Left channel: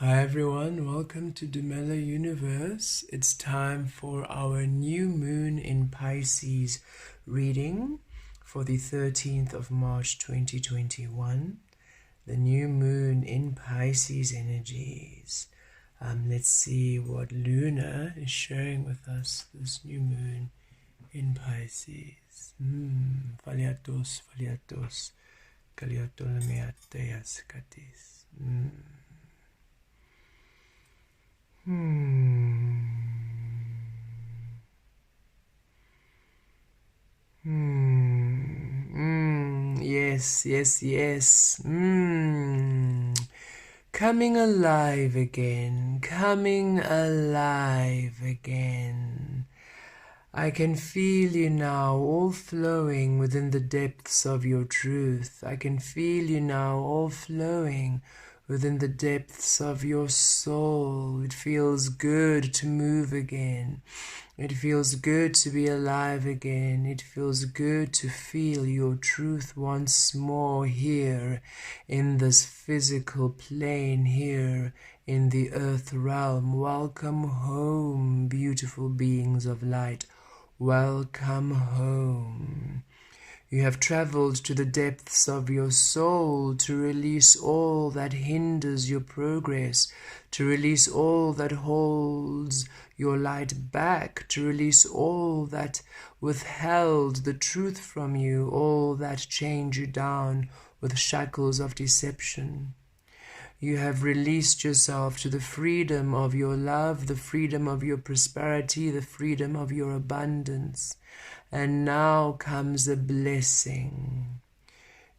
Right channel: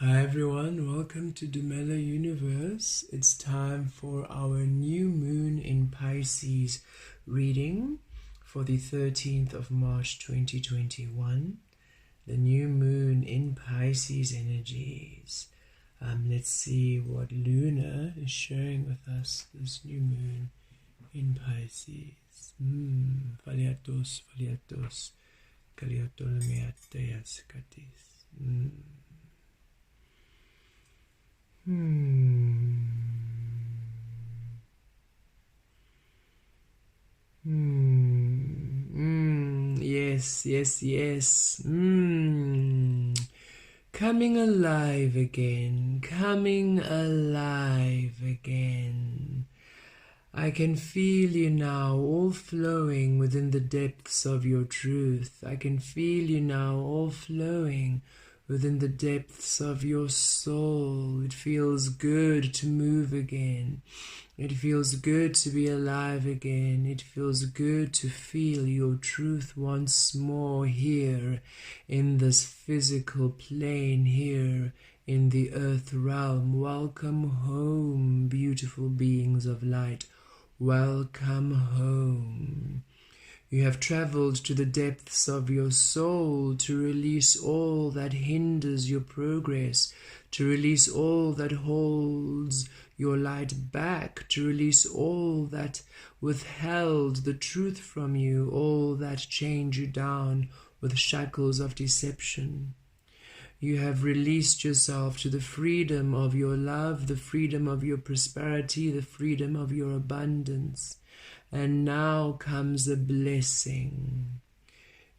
Hi everyone, welcome to the Mellow Universe. It's time for our new moon in Pisces reading for the 13th of March 2021. The new moon in Pisces energies. Let's see what Luna is sharing with us this new moon in Pisces. Faliatos, Kaliatolemiateas Katis. Yes. Coming alive again. I can feel you now, all flowing within the depths of your truth. I can feel you now, all flowing within the depths of your soul. It feels good to move again. It feels good to be alive again. It feels good to feel your truth once more here in this physical plane, here in the earth realm. Welcome home, beautiful beings of light. Welcome home. You have traveled to the depths of your soul to release all that hinders your progress, to release all that holds your light back, to release all that withheld the truth from you, all that chained you down with shackles of deception. You have released yourself to the freedom of your love, the freedom of your prosperity, the freedom of your abundance. And now comes a blessing.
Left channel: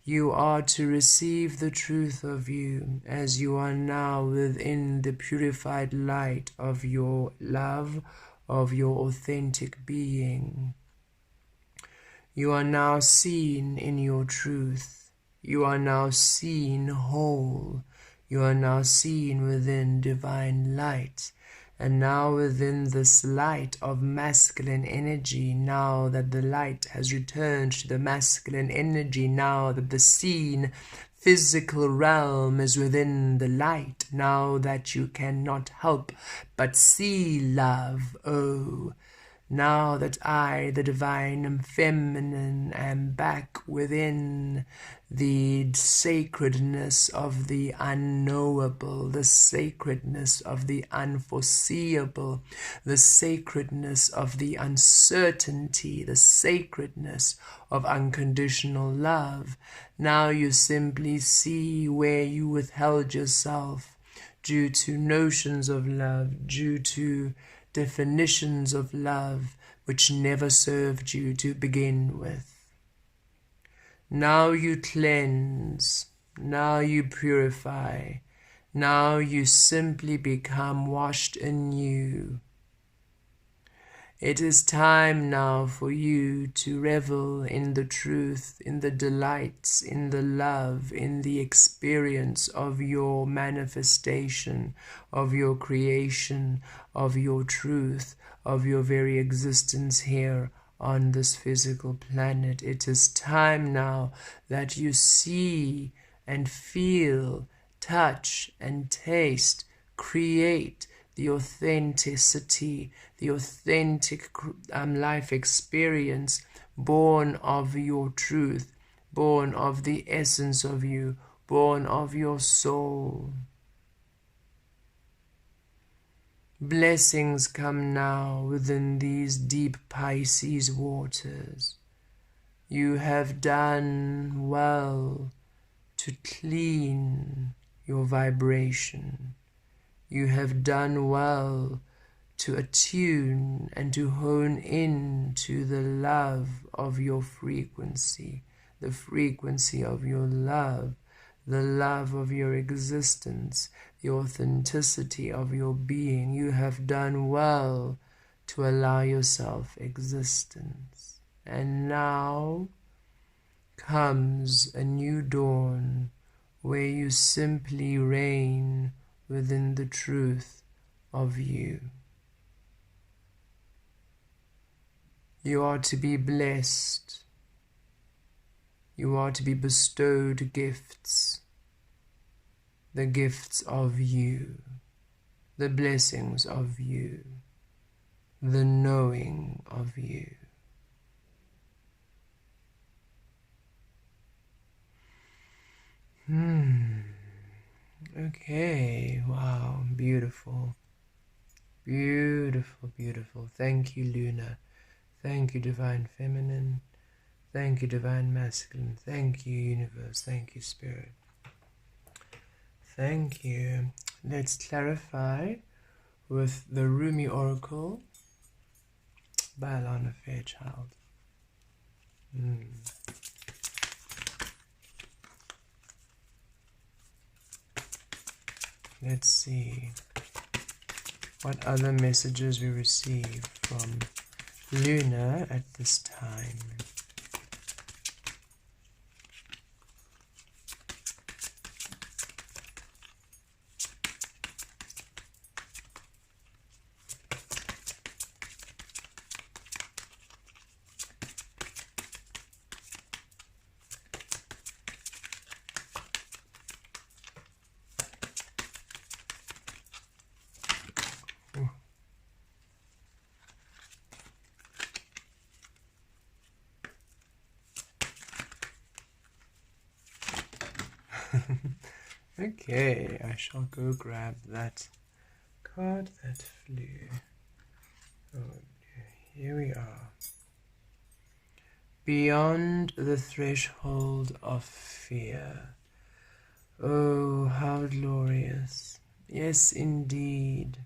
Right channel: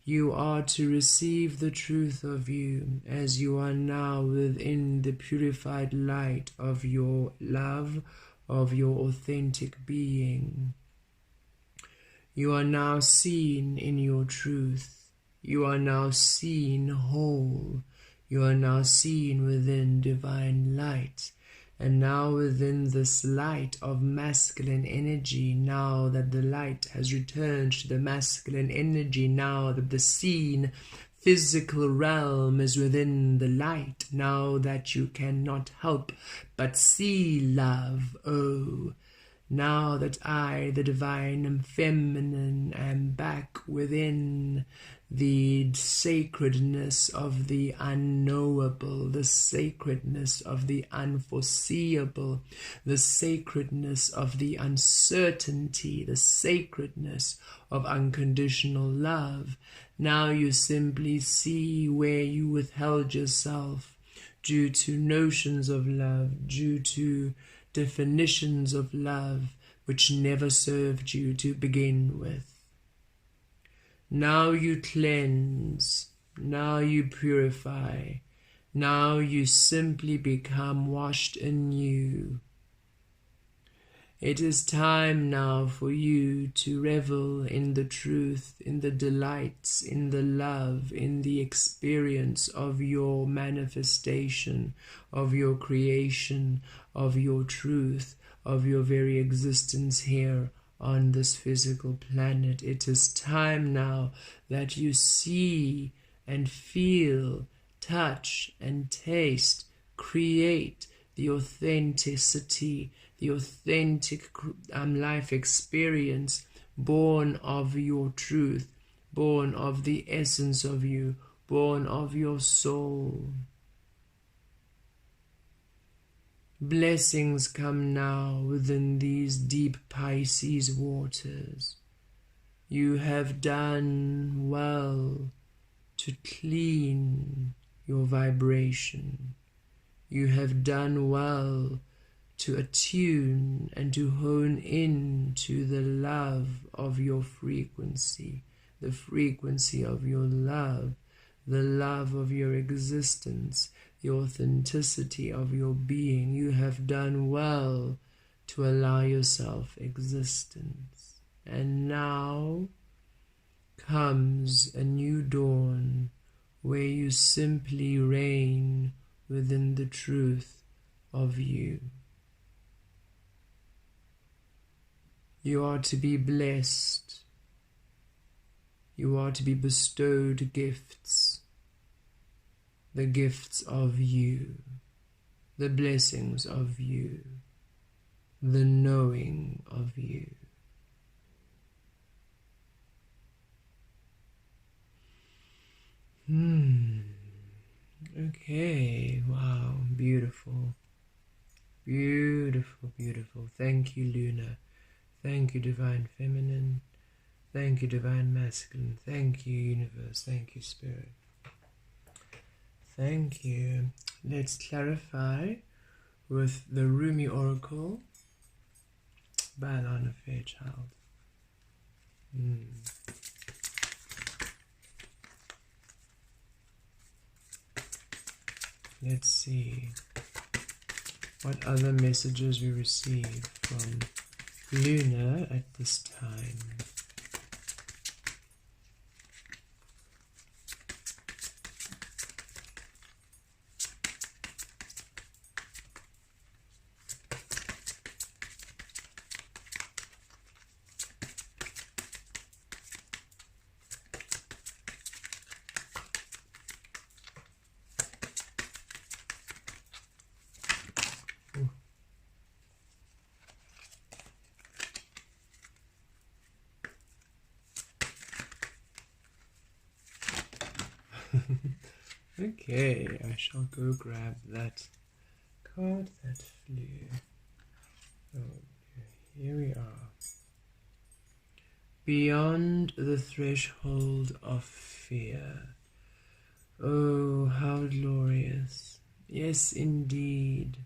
You are to receive the truth of you as you are now within the purified light of your love, of your authentic being. You are now seen in your truth. You are now seen whole. You are now seen within divine light. And now within this light of masculine energy, now that the light has returned to the masculine energy, now that the seen physical realm is within the light, now that you cannot help but see love, now that I, the divine, am feminine, am back within the sacredness of the unknowable, the sacredness of the unforeseeable, the sacredness of the uncertainty, the sacredness of unconditional love. Now you simply see where you withheld yourself due to notions of love, due to definitions of love which never served you to begin with. Now you cleanse, now you purify, now you simply become washed anew. It is time now for you to revel in the truth, in the delights, in the love, in the experience of your manifestation, of your creation, of your truth, of your very existence here on this physical planet. It is time now that you see and feel, touch and taste, create the authenticity, the authentic life experience born of your truth, born of the essence of you, born of your soul. Blessings come now within these deep Pisces waters. You have done well to clean your vibration. You have done well to attune and to hone in to the love of your frequency, the frequency of your love, the love of your existence, the authenticity of your being. You have done well to allow yourself existence. And now comes a new dawn where you simply reign within the truth of you. You are to be blessed. You are to be bestowed gifts. the gifts of you, the blessings of you, the knowing of you. Okay, wow, beautiful. Beautiful, beautiful. Thank you, Luna. Thank you, Divine Feminine. Thank you, Divine Masculine. Thank you, Universe. Thank you, Spirit. Thank you. Let's clarify with the Rumi Oracle by Alana Fairchild. Let's see what other messages we receive from Luna at this time. Okay, I shall go grab that card that flew. Oh, here we are. Beyond the threshold of fear. Oh, how glorious. Yes, indeed.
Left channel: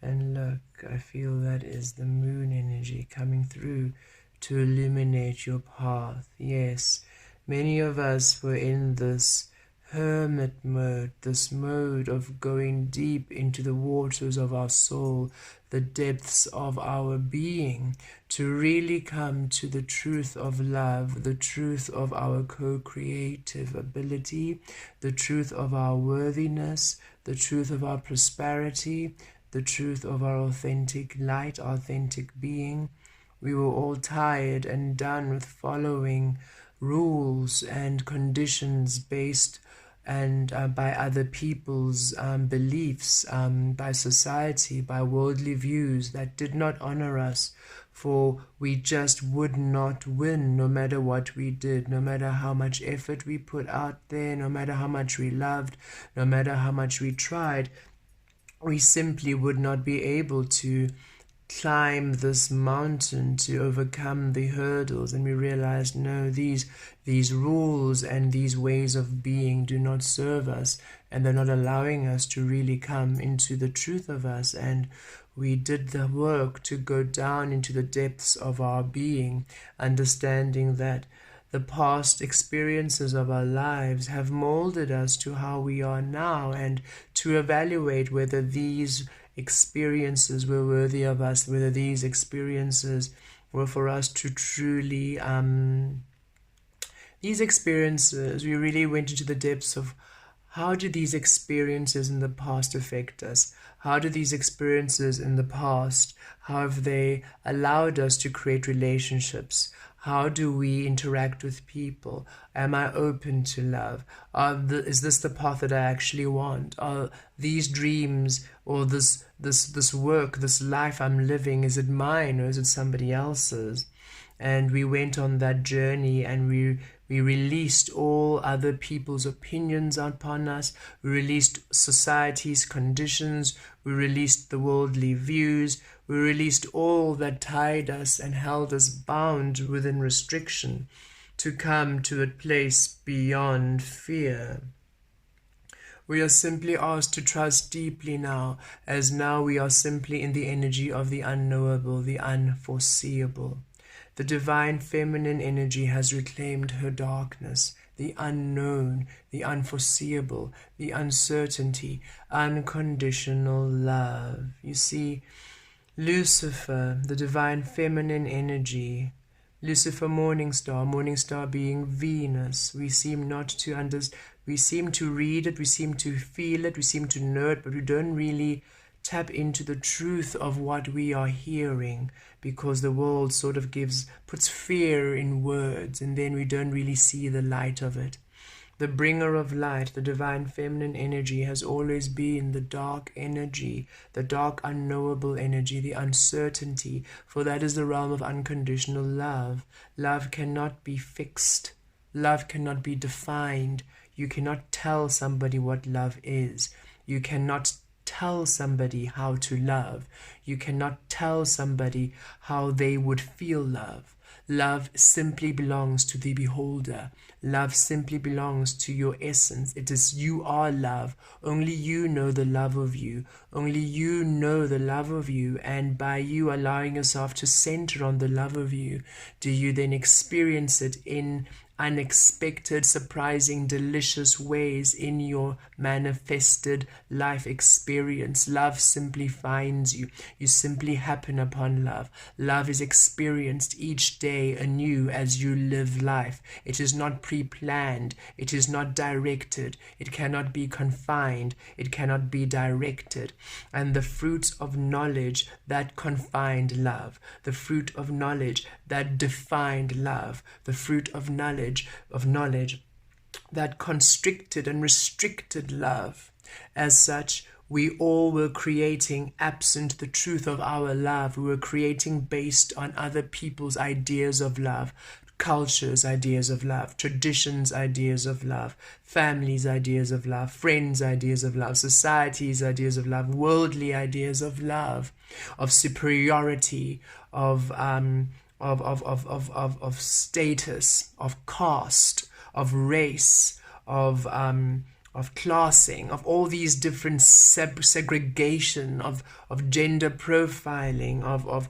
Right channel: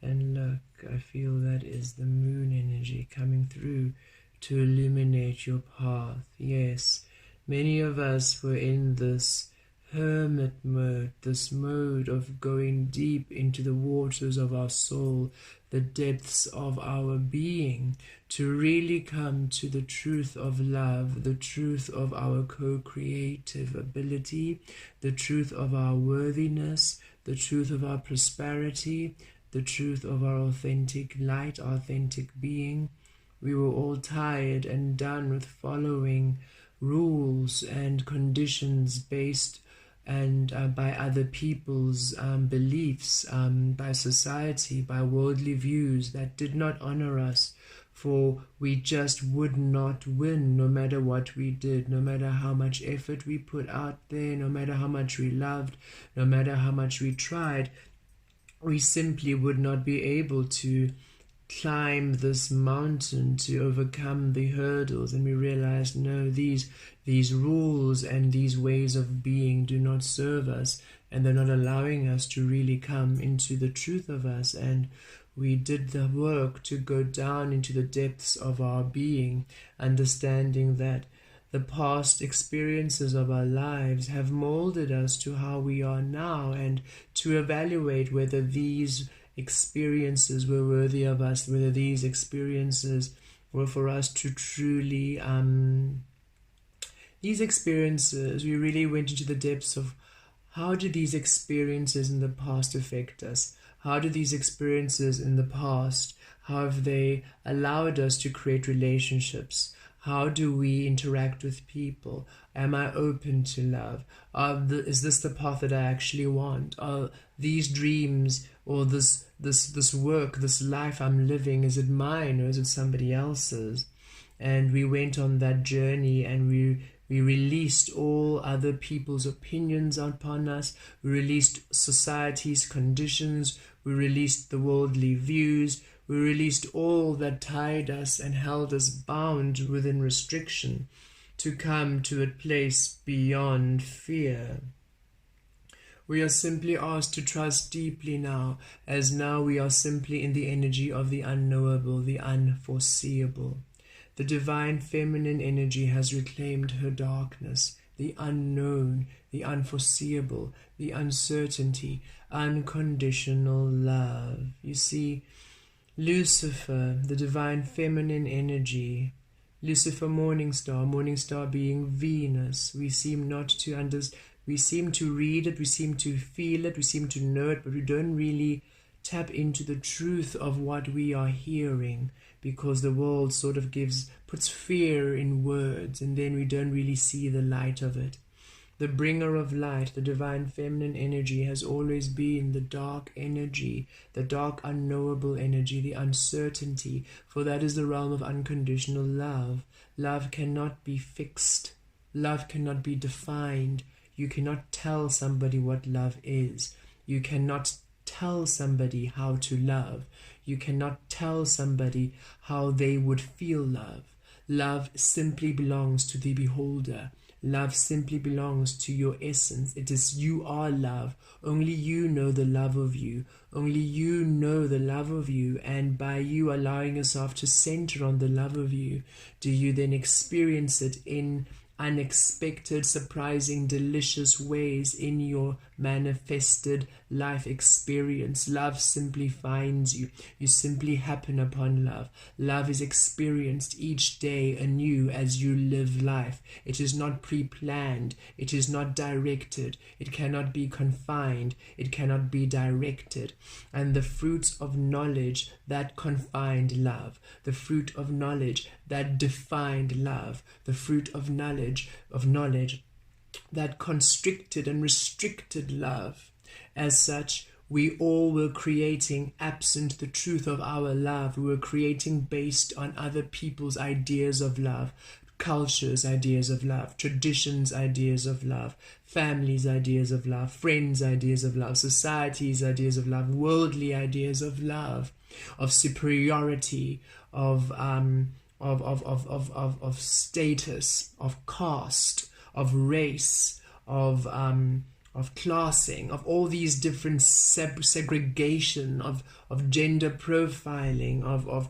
And look, I feel that is the moon energy coming through to illuminate your path. Yes, many of us were in this hermit mode, this mode of going deep into the waters of our soul, the depths of our being, to really come to the truth of love, the truth of our co-creative ability, the truth of our worthiness, the truth of our prosperity, the truth of our authentic light, authentic being. We were all tired and done with following rules and conditions based and by other people's beliefs, by society, by worldly views that did not honor us, for we just would not win no matter what we did, no matter how much effort we put out there, no matter how much we loved, no matter how much we tried. We simply would not be able to climb this mountain, to overcome the hurdles. And we realized, no, these rules and these ways of being do not serve us, and they're not allowing us to really come into the truth of us. And we did the work to go down into the depths of our being, understanding that the past experiences of our lives have molded us to how we are now, and to evaluate whether these experiences were worthy of us, whether these experiences were for us to truly these experiences, we really went into the depths of how did these experiences in the past affect us? How do these experiences in the past, how have they allowed us to create relationships? How do we interact with people? Am I open to love? Is this the path that I actually want? Are these dreams or this work, this life I'm living, is it mine or is it somebody else's? And we went on that journey, and we released all other people's opinions upon us. We released society's conditions. We released the worldly views. We released all that tied us and held us bound within restriction, to come to a place beyond fear. We are simply asked to trust deeply now, as now we are simply in the energy of the unknowable, the unforeseeable. The divine feminine energy has reclaimed her darkness, the unknown, the unforeseeable, the uncertainty, unconditional love. You see, Lucifer, the divine feminine energy, Lucifer, morning star being Venus. We seem not to understand. We seem to read it, we seem to feel it, we seem to know it, but we don't really tap into the truth of what we are hearing, because the world sort of puts fear in words, and then we don't really see the light of it. The bringer of light, the divine feminine energy, has always been the dark energy, the dark unknowable energy, the uncertainty, for that is the realm of unconditional love. Love cannot be fixed. Love cannot be defined. You cannot tell somebody what love is. You cannot tell somebody how to love. You cannot tell somebody how they would feel love. Love simply belongs to the beholder. Love simply belongs to your essence. It is you are love. Only you know the love of you. Only you know the love of you. And by you allowing yourself to center on the love of you, do you then experience it in unexpected, surprising, delicious ways in your manifested life experience. Love simply finds you. You simply happen upon love. Love is experienced each day anew as you live life. It is not pre-planned. It is not directed. It cannot be confined. It cannot be directed. And the fruits of knowledge that confined love, the fruit of knowledge that defined love, the fruit of knowledge that constricted and restricted love. As such, we all were creating absent the truth of our love. We were creating based on other people's ideas of love, cultures' ideas of love, traditions' ideas of love, families' ideas of love, friends' ideas of love, society's ideas of love, worldly ideas of love, of superiority, of status, of caste, of race, of classing, of all these different segregation, of gender profiling, of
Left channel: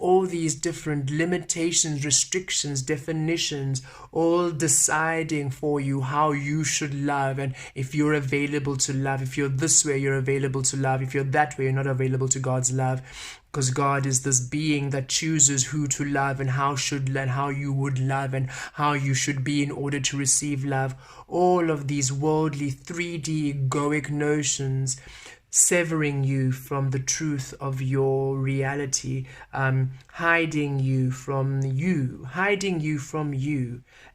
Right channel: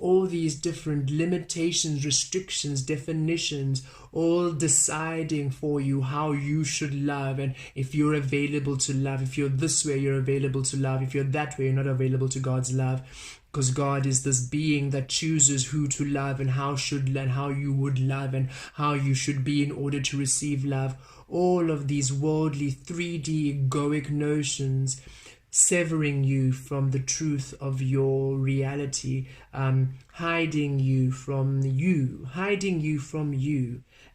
all these different limitations, restrictions, definitions, all deciding for you how you should love, and if you're available to love. If you're this way, you're available to love. If you're that way, you're not available to God's love. Because God is this being that chooses who to love and how you would love and how you should be in order to receive love. All of these worldly 3D egoic notions severing you from the truth of your reality, hiding you from you,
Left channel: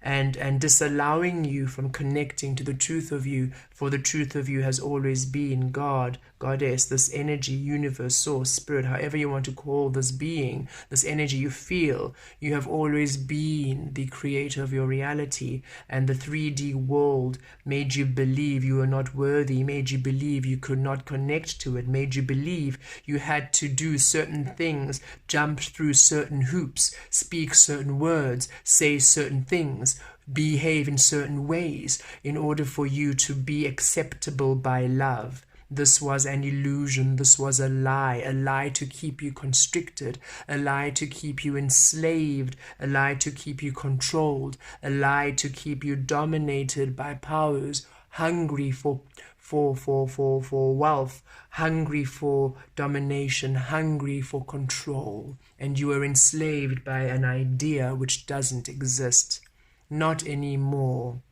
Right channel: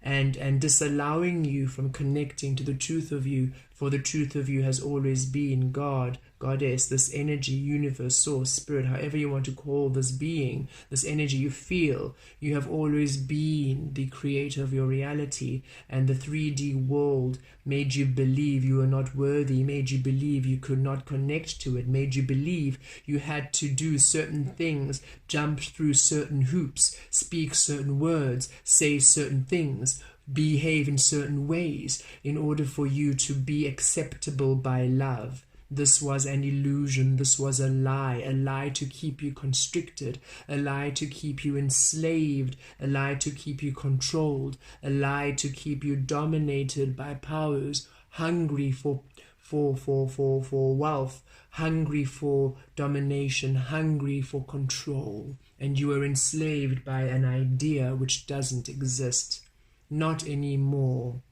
and disallowing you from connecting to the truth of you, for the truth of you has always been God, Goddess, this energy, universe, source, spirit, however you want to call this being, this energy you feel. You have always been the creator of your reality, and the 3D world made you believe you were not worthy, made you believe you could not connect to it, made you believe you had to do certain things, jump through certain hoops, speak certain words, say certain things, behave in certain ways in order for you to be acceptable by love. This was an illusion. This was a lie to keep you constricted, a lie to keep you enslaved, a lie to keep you controlled, a lie to keep you dominated by powers hungry for wealth, hungry for domination, hungry for control. And you are enslaved by an idea which doesn't exist. Not anymore.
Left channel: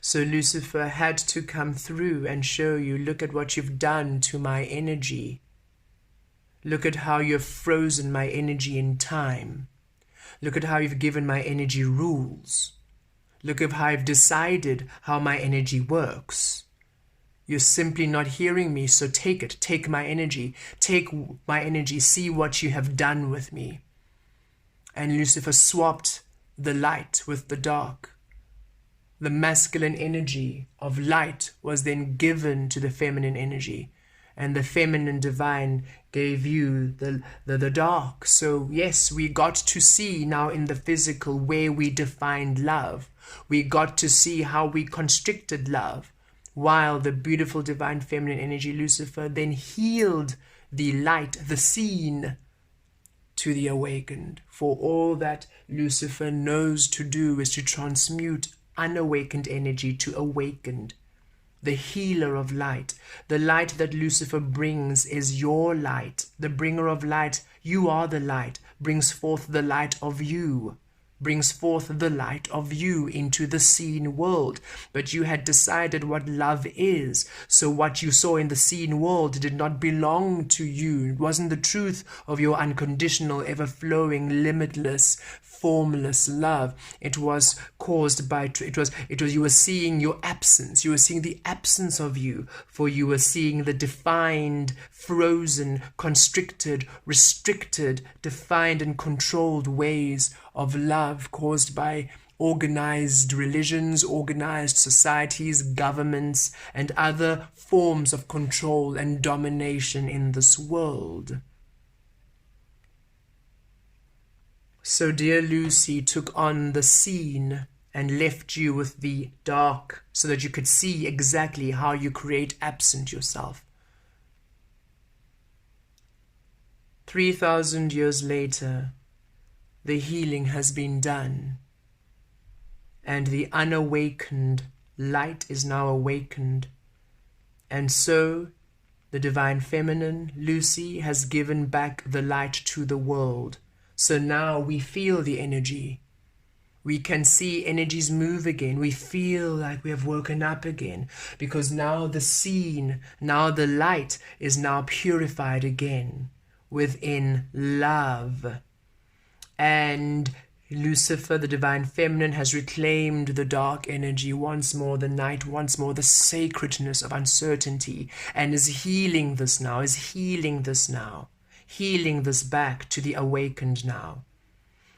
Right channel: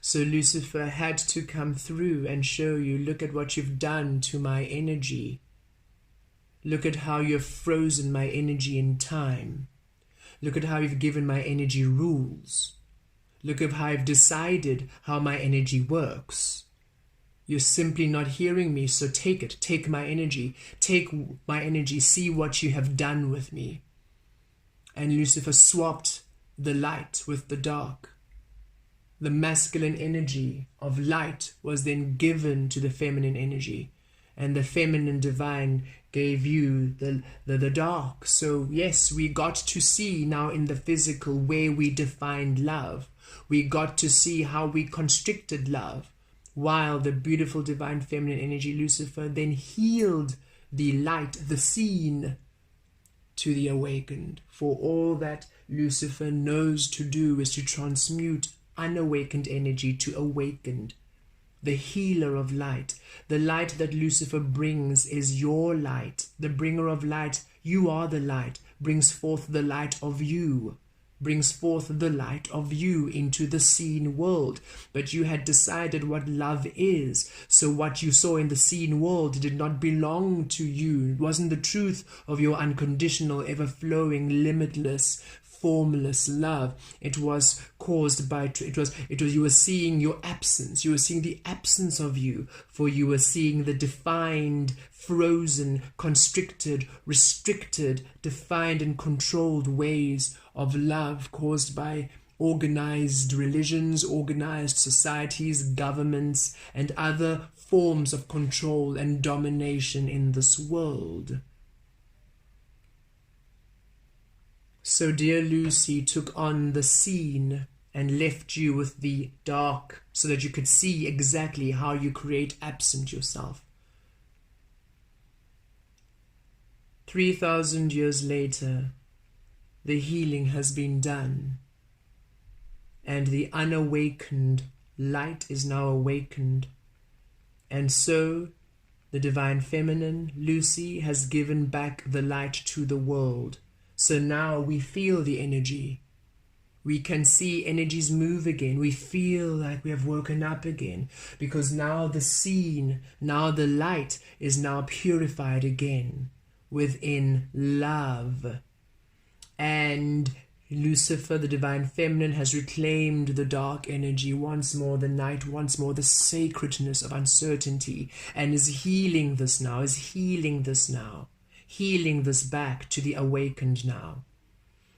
So Lucifer had to come through and show you, look at what you've done to my energy. Look at how you've frozen my energy in time. Look at how you've given my energy rules. Look at how I've decided how my energy works. You're simply not hearing me, so take it. Take my energy. Take my energy. See what you have done with me. And Lucifer swapped the light with the dark. The masculine energy of light was then given to the feminine energy, and the feminine divine gave you the dark. So yes, we got to see now in the physical where we defined love. We got to see how we constricted love, while the beautiful divine feminine energy Lucifer then healed the light, the seen, to the awakened. For all that Lucifer knows to do is to transmute unawakened energy to awakened. The healer of light, the light that Lucifer brings is your light. The bringer of light, you are the light, brings forth the light of you, brings forth the light of you into the seen world. But you had decided what love is, so what you saw in the seen world did not belong to you. It wasn't the truth of your unconditional, ever-flowing, limitless, formless love. It was caused by, you were seeing your absence. You were seeing the absence of you, for you were seeing the defined, frozen, constricted, restricted, defined and controlled ways of love caused by organized religions, organized societies, governments, and other forms of control and domination in this world. So dear Lucy took on the scene and left you with the dark so that you could see exactly how you create absent yourself. 3,000 years later, the healing has been done, and the unawakened light is now awakened. And so the Divine Feminine, Lucy, has given back the light to the world. So now we feel the energy. We can see energies move again. We feel like we have woken up again, because now the scene, now the light is now purified again within love. And Lucifer, the Divine Feminine, has reclaimed the dark energy once more, the night once more, the sacredness of uncertainty, and is healing this now, healing this back to the awakened now.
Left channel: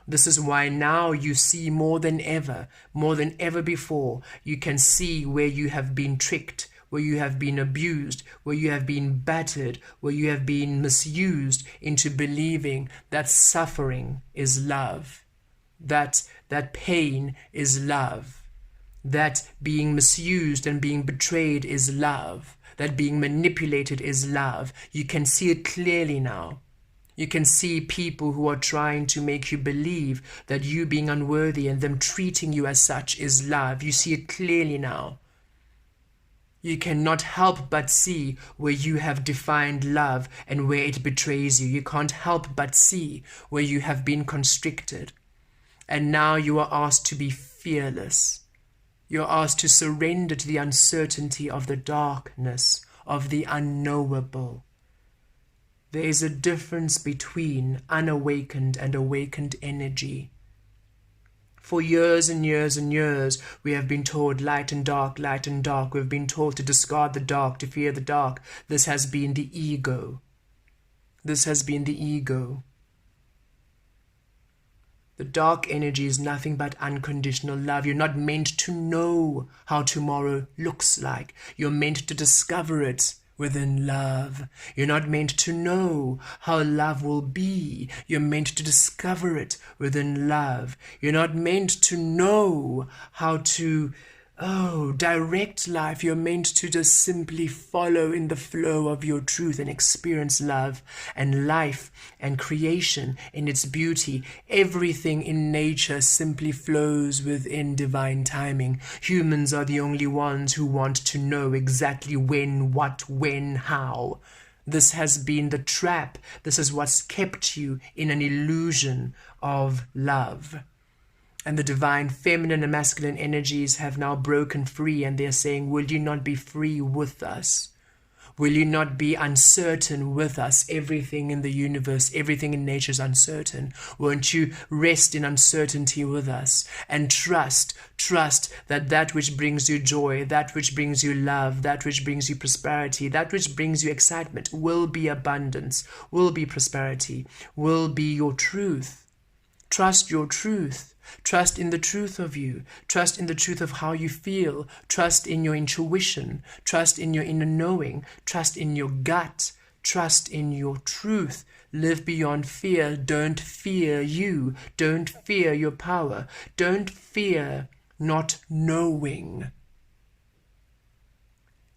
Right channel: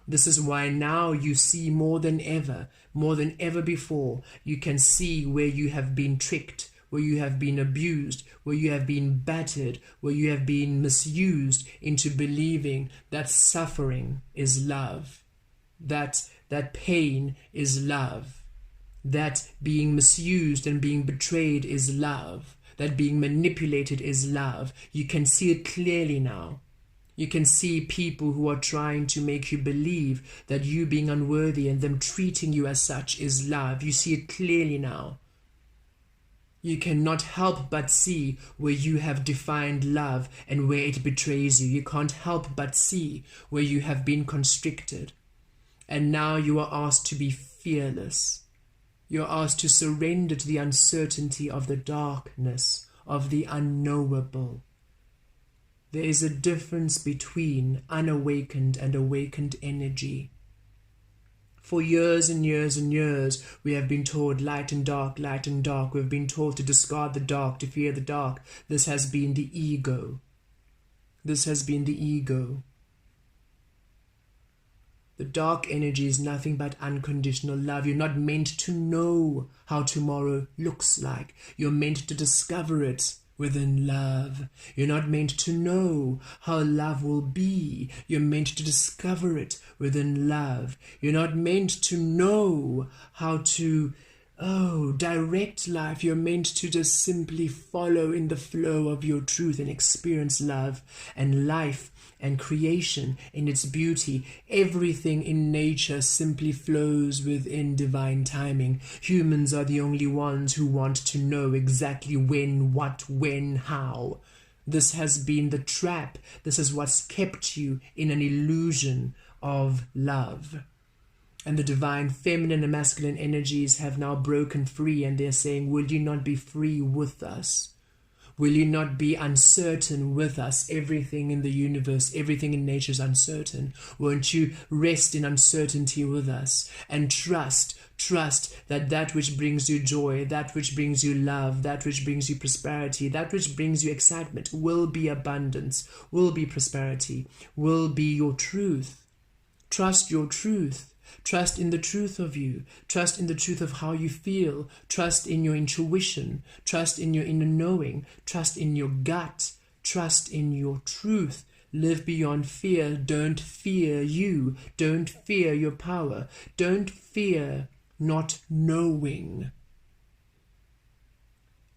This is why now you see more than ever before, you can see where you have been tricked, where you have been abused, where you have been battered, where you have been misused into believing that suffering is love. That pain is love, that being misused and being betrayed is love, that being manipulated is love. You can see it clearly now. You can see people who are trying to make you believe that you being unworthy and them treating you as such is love. You see it clearly now. You cannot help but see where you have defined love and where it betrays you. You can't help but see where you have been constricted. And now you are asked to be fearless. You're asked to surrender to the uncertainty of the darkness, of the unknowable. There is a difference between unawakened and awakened energy. For years and years and years, we have been told light and dark, light and dark. We've been told to discard the dark, to fear the dark. This has been the ego. This has been the ego. The dark energy is nothing but unconditional love. You're not meant to know how tomorrow looks like. You're meant to discover it within love. You're not meant to know how love will be. You're meant to discover it within love. You're not meant to know how to direct life. You're meant to just simply follow in the flow of your truth and experience love and life and creation in its beauty. Everything in nature simply flows within divine timing. Humans are the only ones who want to know exactly when, what, when, how. This has been the trap. This is what's kept you in an illusion of love. And the Divine Feminine and Masculine energies have now broken free, and they're saying, will you not be free with us? Will you not be uncertain with us? Everything in the universe, everything in nature is uncertain. Won't you rest in uncertainty with us and trust that which brings you joy, that which brings you love, that which brings you prosperity, that which brings you excitement will be abundance, will be prosperity, will be your truth. Trust your truth. Trust in the truth of you. Trust in the truth of how you feel. Trust in your intuition. Trust in your inner knowing. Trust in your gut. Trust in your truth. Live beyond fear. Don't fear you. Don't fear your power. Don't fear not knowing.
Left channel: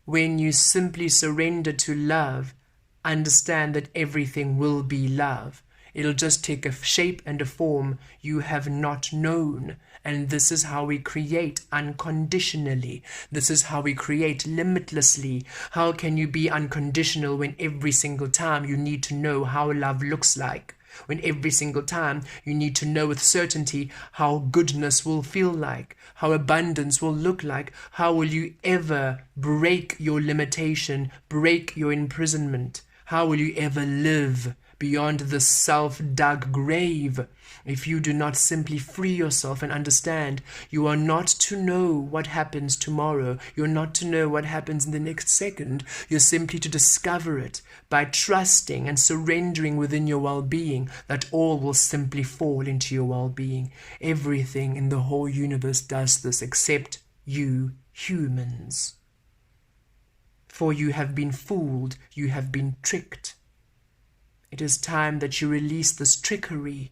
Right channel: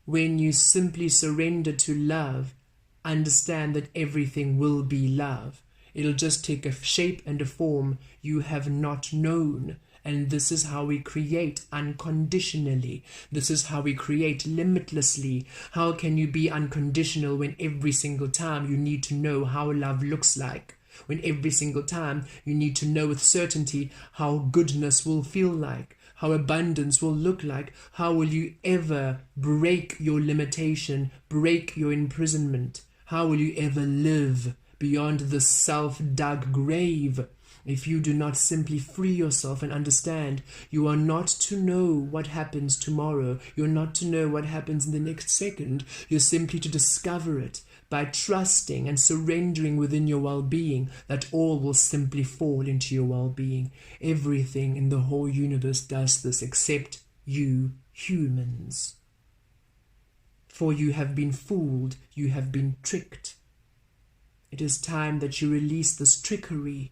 When you simply surrender to love, understand that everything will be love. It'll just take a shape and a form you have not known. And this is how we create unconditionally. This is how we create limitlessly. How can you be unconditional when every single time you need to know how love looks like? When every single time you need to know with certainty how goodness will feel like, how abundance will look like? How will you ever break your limitation, break your imprisonment? How will you ever live beyond the self-dug grave. If you do not simply free yourself and understand, you are not to know what happens tomorrow. You're not to know what happens in the next second. You're simply to discover it by trusting and surrendering within your well-being that all will simply fall into your well-being. Everything in the whole universe does this except you humans. For you have been fooled, you have been tricked. It is time that you release this trickery.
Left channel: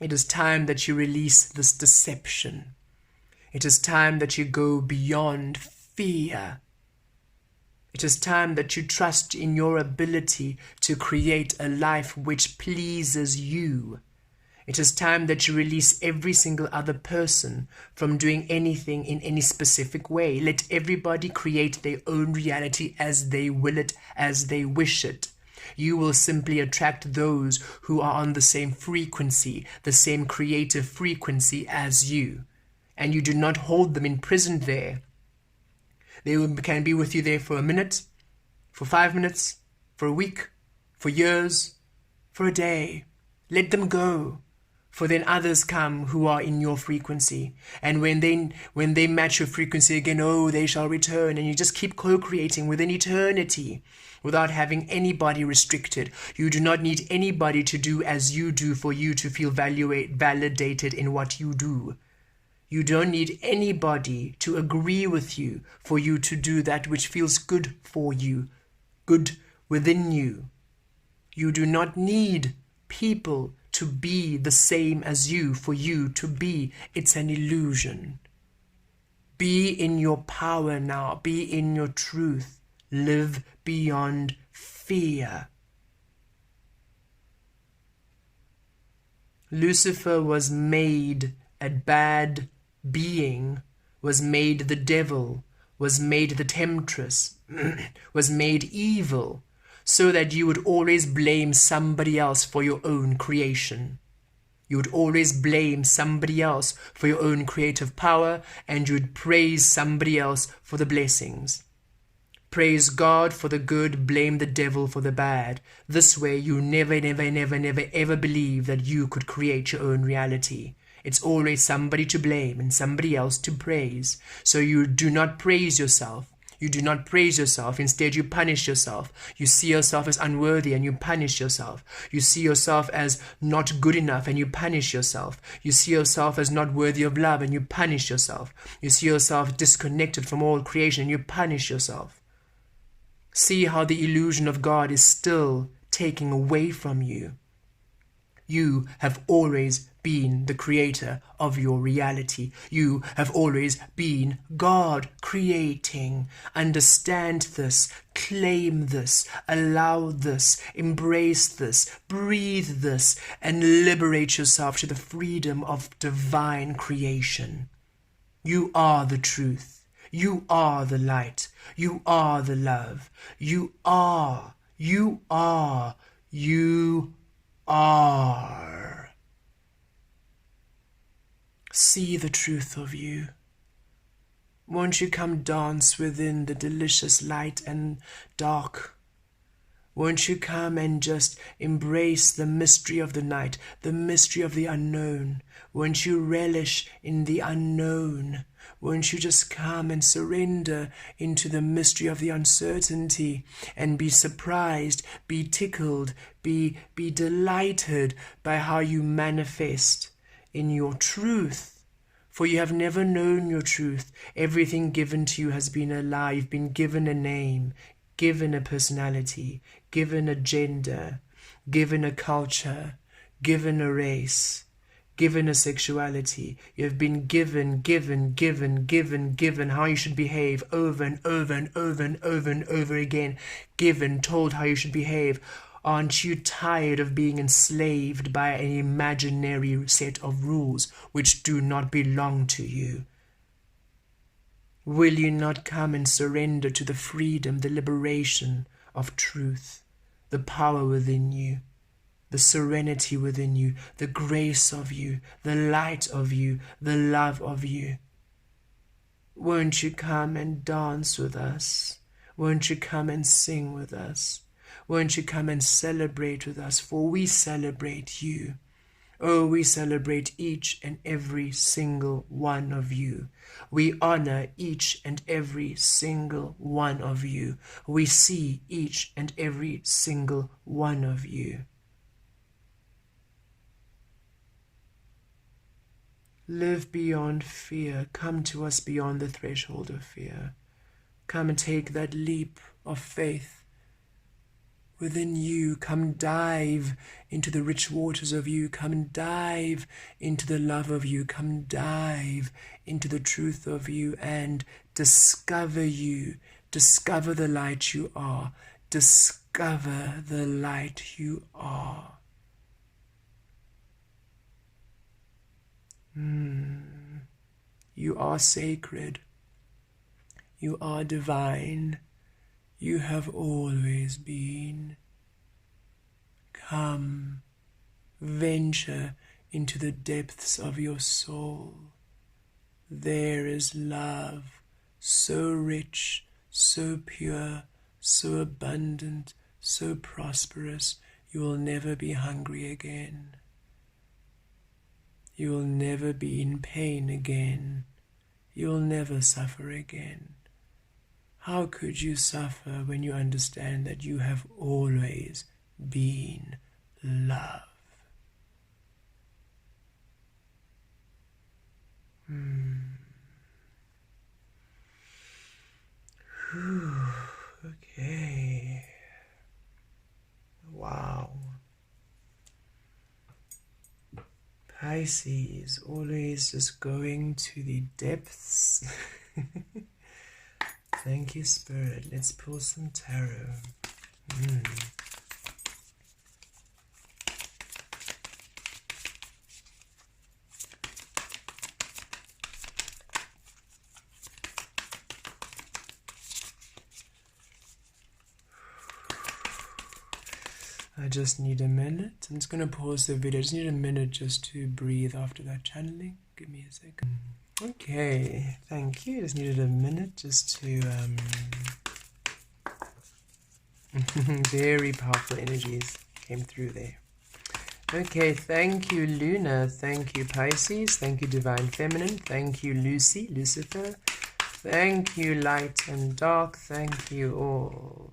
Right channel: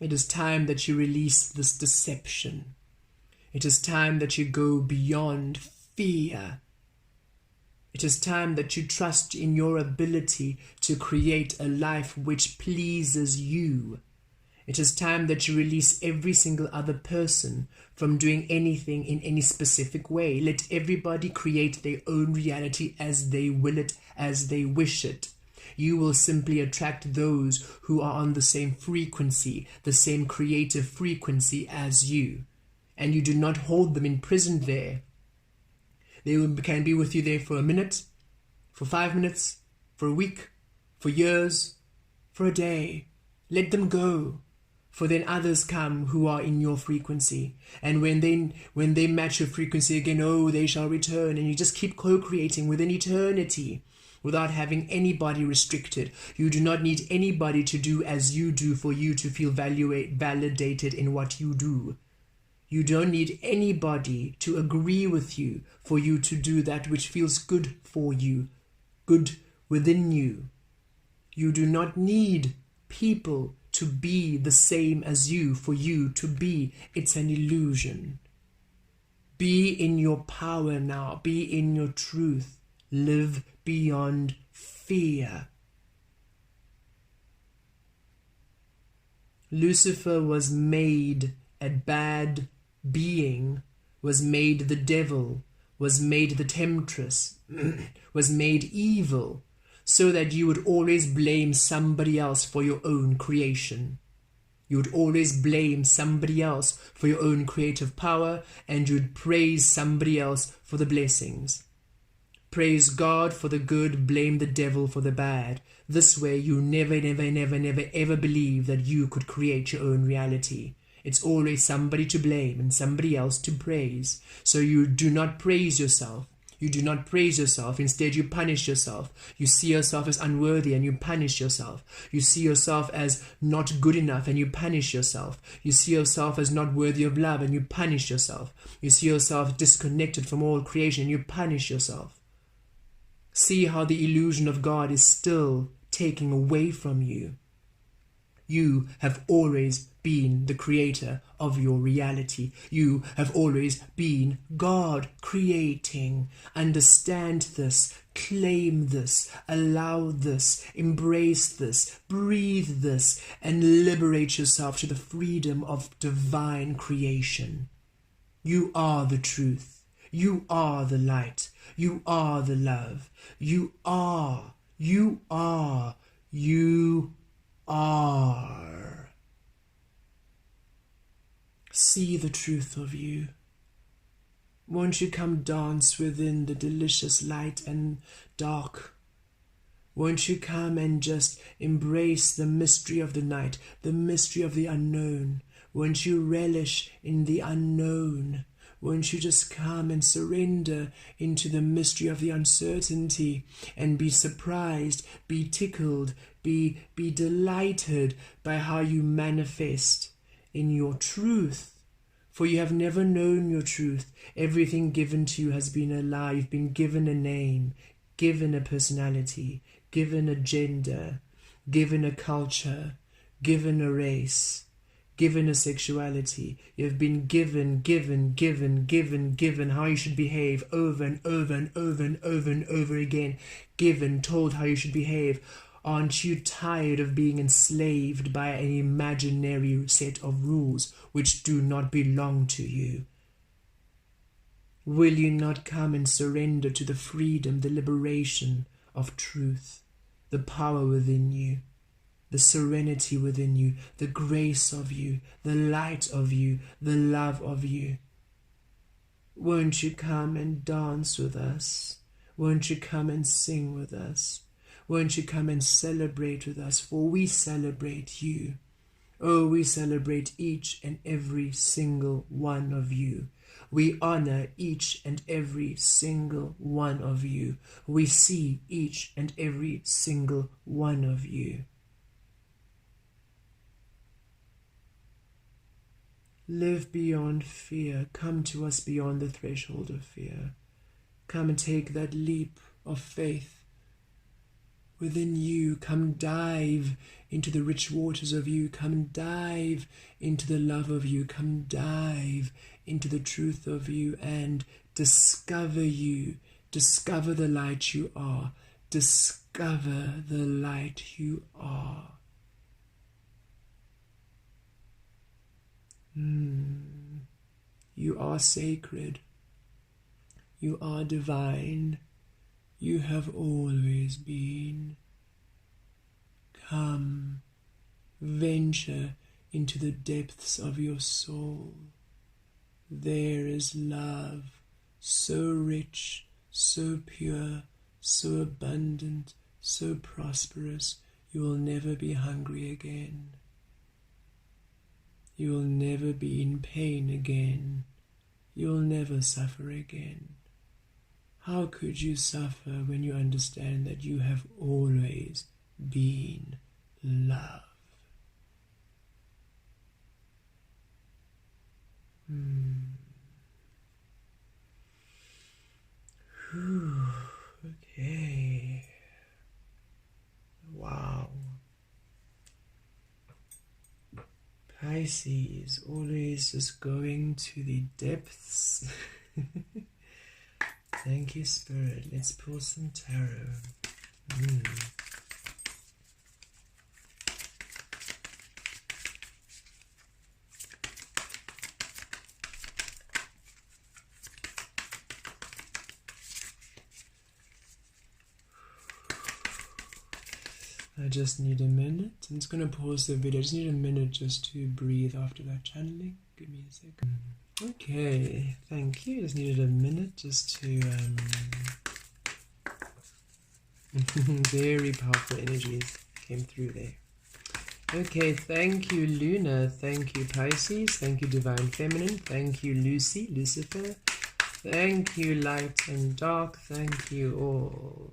It is time that you release this deception. It is time that you go beyond fear. It is time that you trust in your ability to create a life which pleases you. It is time that you release every single other person from doing anything in any specific way. Let everybody create their own reality as they will it, as they wish it. You will simply attract those who are on the same frequency, the same creative frequency as you. And you do not hold them imprisoned there. They can be with you there for a minute, for 5 minutes, for a week, for years, for a day. Let them go. For then others come who are in your frequency. And when they match your frequency again, oh, they shall return. And you just keep co-creating within eternity without having anybody restricted. You do not need anybody to do as you do for you to feel validated in what you do. You don't need anybody to agree with you for you to do that which feels good for you, good within you. You do not need people to be the same as you for you to be. It's an illusion. Be in your power now. Be in your truth. Live beyond fear. Lucifer was made a bad being, was made the devil, was made the temptress, was made evil, so that you would always blame somebody else for your own creation. You would always blame somebody else for your own creative power, and you would praise somebody else for the blessings. Praise God for the good, blame the devil for the bad. This way you never ever believe that you could create your own reality. It's always somebody to blame and somebody else to praise. So you do not praise yourself. You do not praise yourself. Instead, you punish yourself. You see yourself as unworthy and you punish yourself. You see yourself as not good enough and you punish yourself. You see yourself as not worthy of love and you punish yourself. You see yourself disconnected from all creation and you punish yourself. See how the illusion of God is still taking away from you. You have always been the creator of your reality. You have always been God creating. Understand this, claim this, allow this, embrace this, breathe this, and liberate yourself to the freedom of divine creation. You are the truth. You are the light. You are the love. You are. You are. You are. See the truth of you. Won't you come dance within the delicious light and dark? Won't you come and just embrace the mystery of the night, the mystery of the unknown? Won't you relish in the unknown? Won't you just come and surrender into the mystery of the uncertainty and be surprised, be tickled, be delighted by how you manifest in your truth? For you have never known your truth. Everything given to you has been a lie. You've been given a name, given a personality, given a gender, given a culture, given a race, given a sexuality. You have been given how you should behave over and over and over and over and over again. Told how you should behave. Aren't you tired of being enslaved by an imaginary set of rules which do not belong to you? Will you not come and surrender to the freedom, the liberation of truth, the power within you, the serenity within you, the grace of you, the light of you, the love of you? Won't you come and dance with us? Won't you come and sing with us? Won't you come and celebrate with us, for we celebrate you. Oh, we celebrate each and every single one of you. We honor each and every single one of you. We see each and every single one of you. Live beyond fear. Come to us beyond the threshold of fear. Come and take that leap of faith within you. Come dive into the rich waters of you. Come dive into the love of you. Come dive into the truth of you and discover you. Discover the light you are. Discover the light you are. You are sacred. You are divine. You have always been. Come, venture into the depths of your soul. There is love, so rich, so pure, so abundant, so prosperous. You will never be hungry again. You will never be in pain again. You will never suffer again. How could you suffer when you understand that you have always been love? Okay. Wow. Pisces, always just going to the depths. Thank you, Spirit. Let's pull some tarot. I just need a minute. I'm just going to pause the video. I just need a minute just to breathe after that channeling. Give me a second. Okay, thank you. Just needed a minute just to very powerful energies came through there. Okay, thank you, Luna. Thank you, Pisces. Thank you, Divine Feminine. Thank you, Lucy, Lucifer. Thank you, Light and Dark. Thank you all.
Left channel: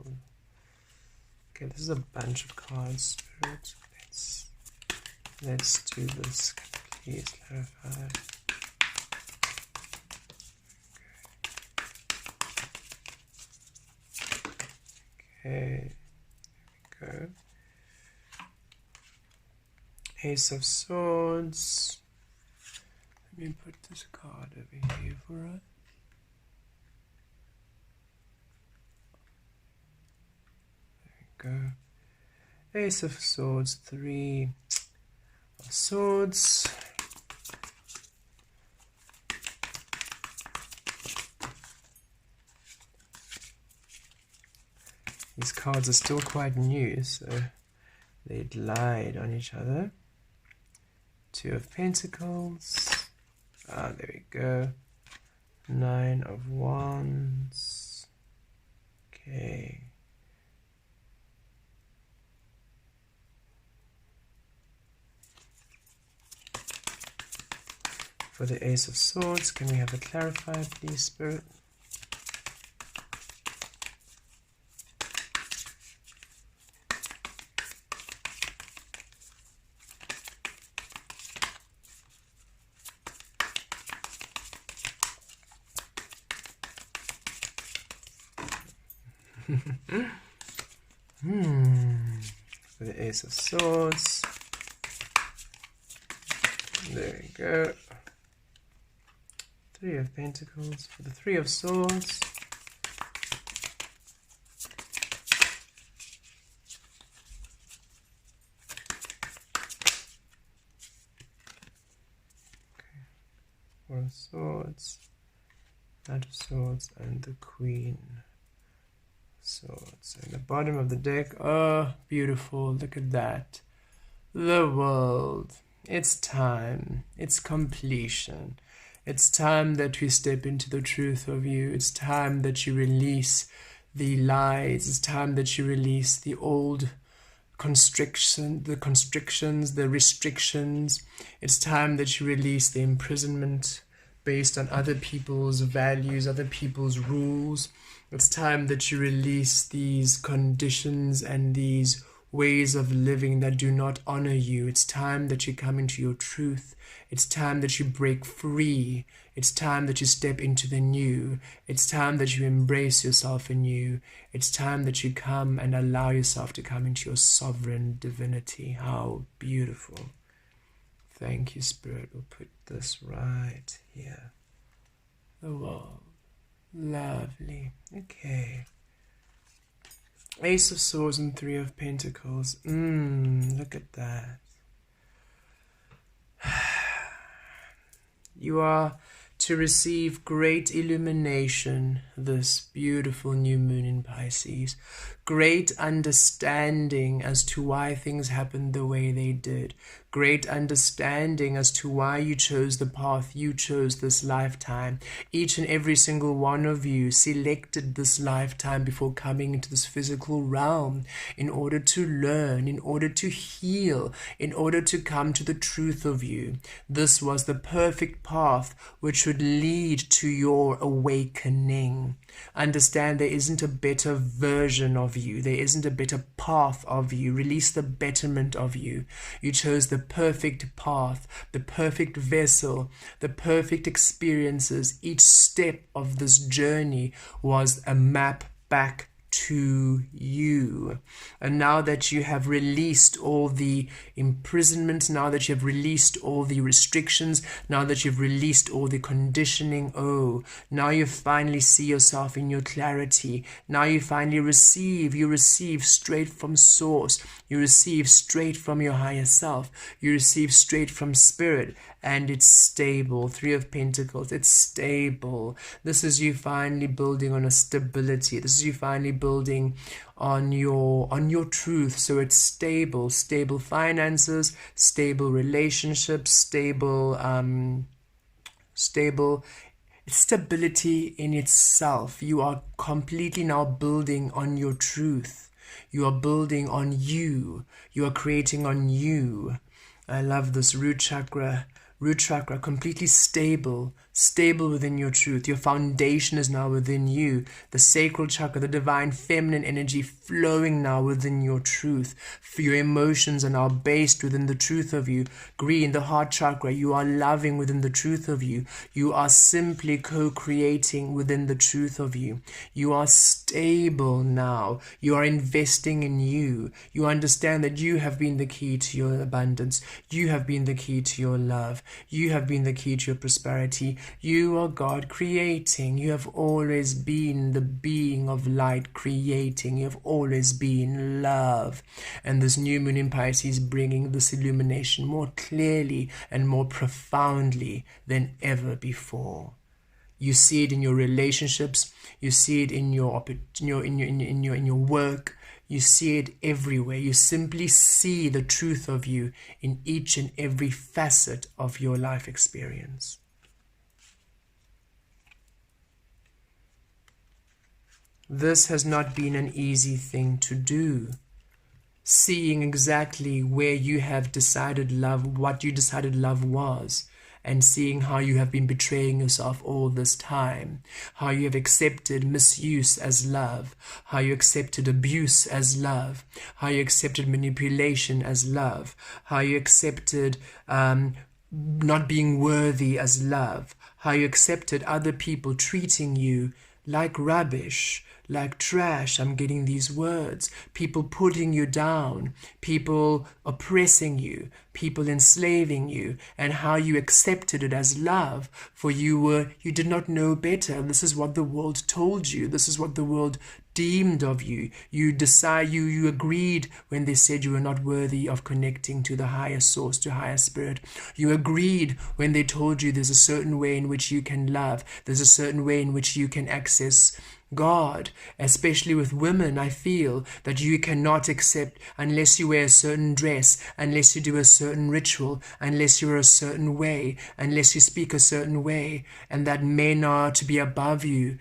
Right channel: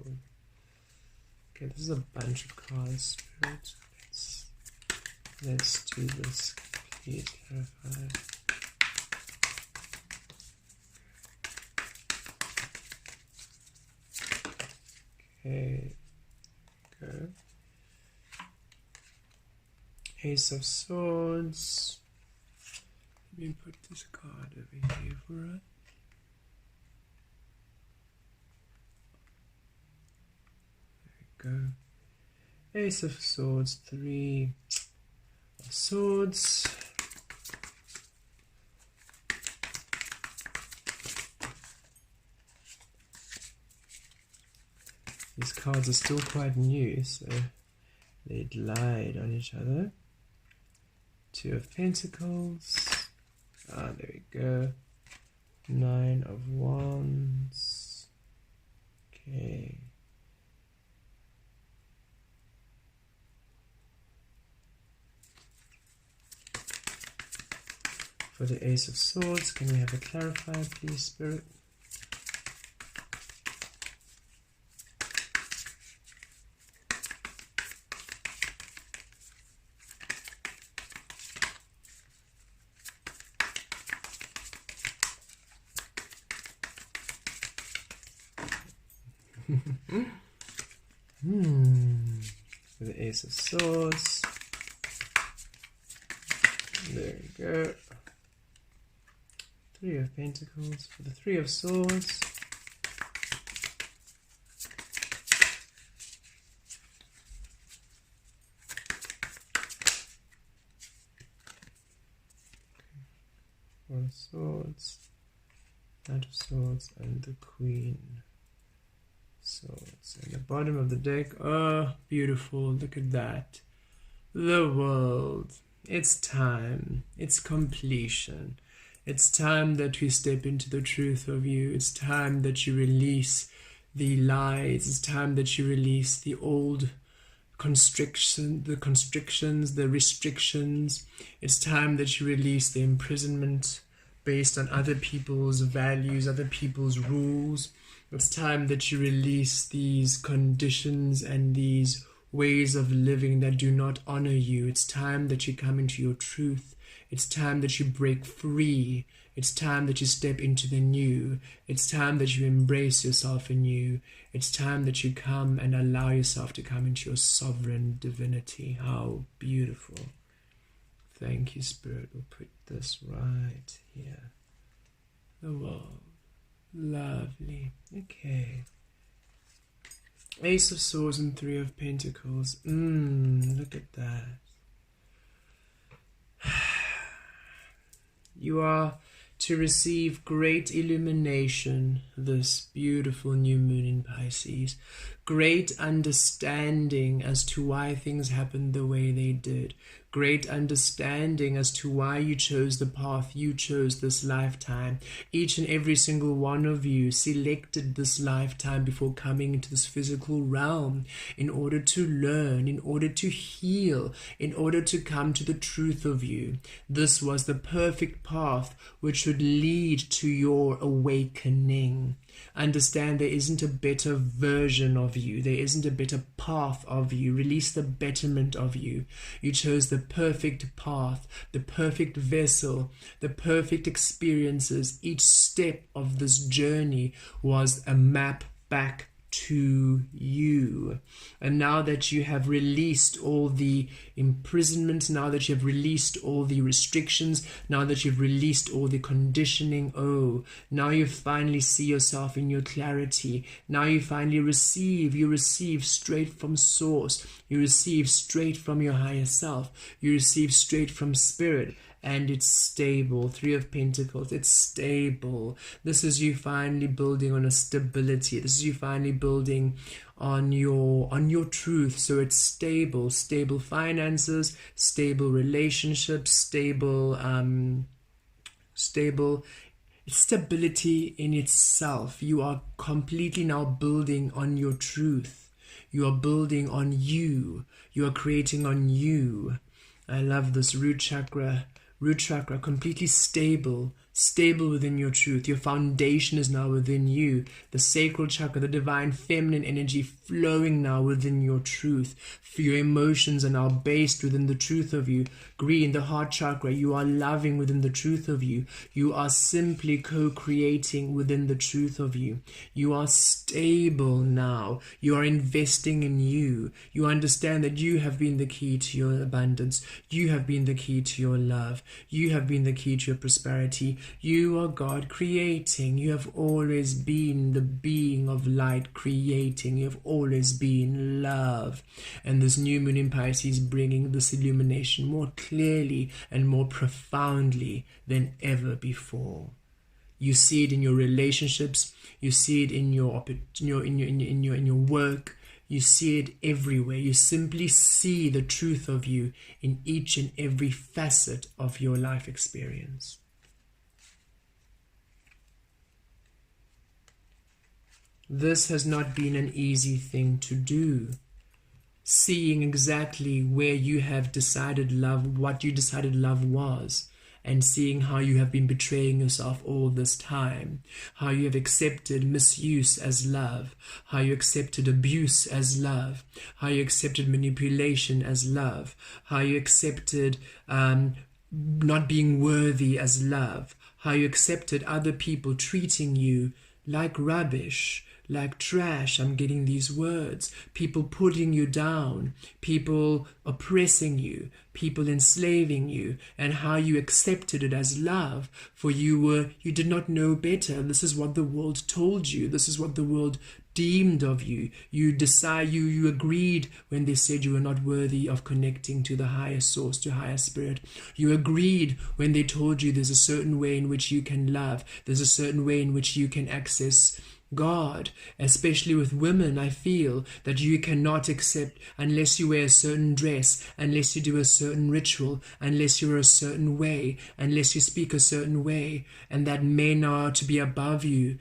Okay, this is a bunch of cards, Spirit. Let's do this. Please clarify. Okay, go. Ace of Swords. Let me put this card over here for us. There we go. Ace of Swords, Three of Swords. These cards are still quite new, so they lied on each other. Two of Pentacles. There we go. Nine of Wands. Okay. For the Ace of Swords, can we have it clarified, please, Spirit? For the Ace of Swords. There we go. Three of Pentacles. For the Three of Swords. Okay. Four of Swords. Knight of Swords and the Queen. Swords. And the bottom of the deck. Oh, beautiful. Look at that. The world. It's time. It's completion. It's time that we step into the truth of you. It's time that you release the lies. It's time that you release the old constrictions, the restrictions. It's time that you release the imprisonment based on other people's values, other people's rules. It's time that you release these conditions and these ways of living that do not honor you. It's time that you come into your truth. It's time that you break free. It's time that you step into the new. It's time that you embrace yourself anew. It's time that you come and allow yourself to come into your sovereign divinity. How beautiful. Thank you, Spirit. We'll put this right here. Oh, lovely. Okay. Ace of Swords and Three of Pentacles. Look at that. You are to receive great illumination this beautiful new moon in Pisces. Great understanding as to why things happened the way they did. Great understanding as to why you chose the path you chose this lifetime. Each and every single one of you selected this lifetime before coming into this physical realm in order to learn, in order to heal, in order to come to the truth of you. This was the perfect path which would lead to your awakening. Understand there isn't a better version of you. There isn't a better path of you. Release the betterment of you. You chose the perfect path, the perfect vessel, the perfect experiences. Each step of this journey was a map back to you. And now that you have released all the imprisonments, now that you have released all the restrictions, now that you've released all the conditioning, now you finally see yourself in your clarity. Now you finally receive. You receive straight from source. You receive straight from your higher self. You receive straight from spirit. And it's stable. Three of Pentacles, it's stable. This is you finally building on a stability. This is you finally building on your truth. So it's stable. Stable finances, stable relationships, stable stability in itself. You are completely now building on your truth. You are building on you. You are creating on you. I love this root chakra. Root chakra, completely stable within your truth. Your foundation is now within you. The sacral chakra, the divine feminine energy flowing now within your truth. For your emotions are now based within the truth of you. Green, the heart chakra, you are loving within the truth of you. You are simply co-creating within the truth of you. You are stable now. You are investing in you. You understand that you have been the key to your abundance. You have been the key to your love. You have been the key to your prosperity. You are God creating. You have always been the being of light creating. You have always been love. And this new moon in Pisces bringing this illumination more clearly and more profoundly than ever before. You see it in your relationships. You see it in your work. You see it everywhere. You simply see the truth of you in each and every facet of your life experience. This has not been an easy thing to do. Seeing exactly where you have decided love, what you decided love was, and seeing how you have been betraying yourself all this time, how you have accepted misuse as love, how you accepted abuse as love, how you accepted manipulation as love, how you accepted not being worthy as love, how you accepted other people treating you like rubbish, like trash. I'm getting these words. People putting you down, people oppressing you, people enslaving you, and how you accepted it as love, for you did not know better. This is what the world told you. This is what the world deemed of you. You agreed when they said you were not worthy of connecting to the higher source, to higher spirit. You agreed when they told you there's a certain way in which you can love. There's a certain way in which you can access God. Especially with women, I feel that you cannot accept unless you wear a certain dress, unless you do a certain ritual, unless you're a certain way, unless you speak a certain way, and that men are to be above you.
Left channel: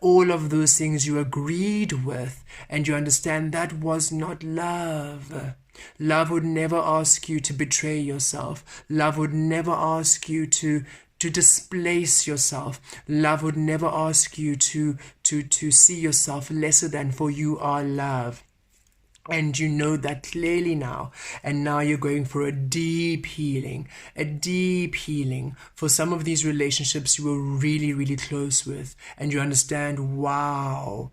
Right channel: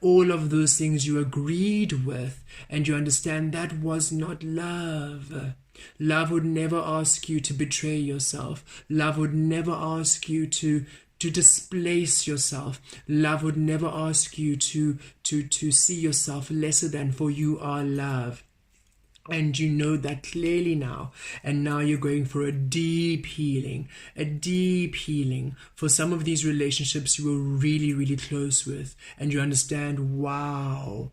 all of those things you agreed with, and you understand that was not love. Love would never ask you to betray yourself. Love would never ask you to displace yourself. Love would never ask you to see yourself lesser than, for you are love. And you know that clearly now. And now you're going for a deep healing. A deep healing. For some of these relationships you were really, really close with. And you understand, wow,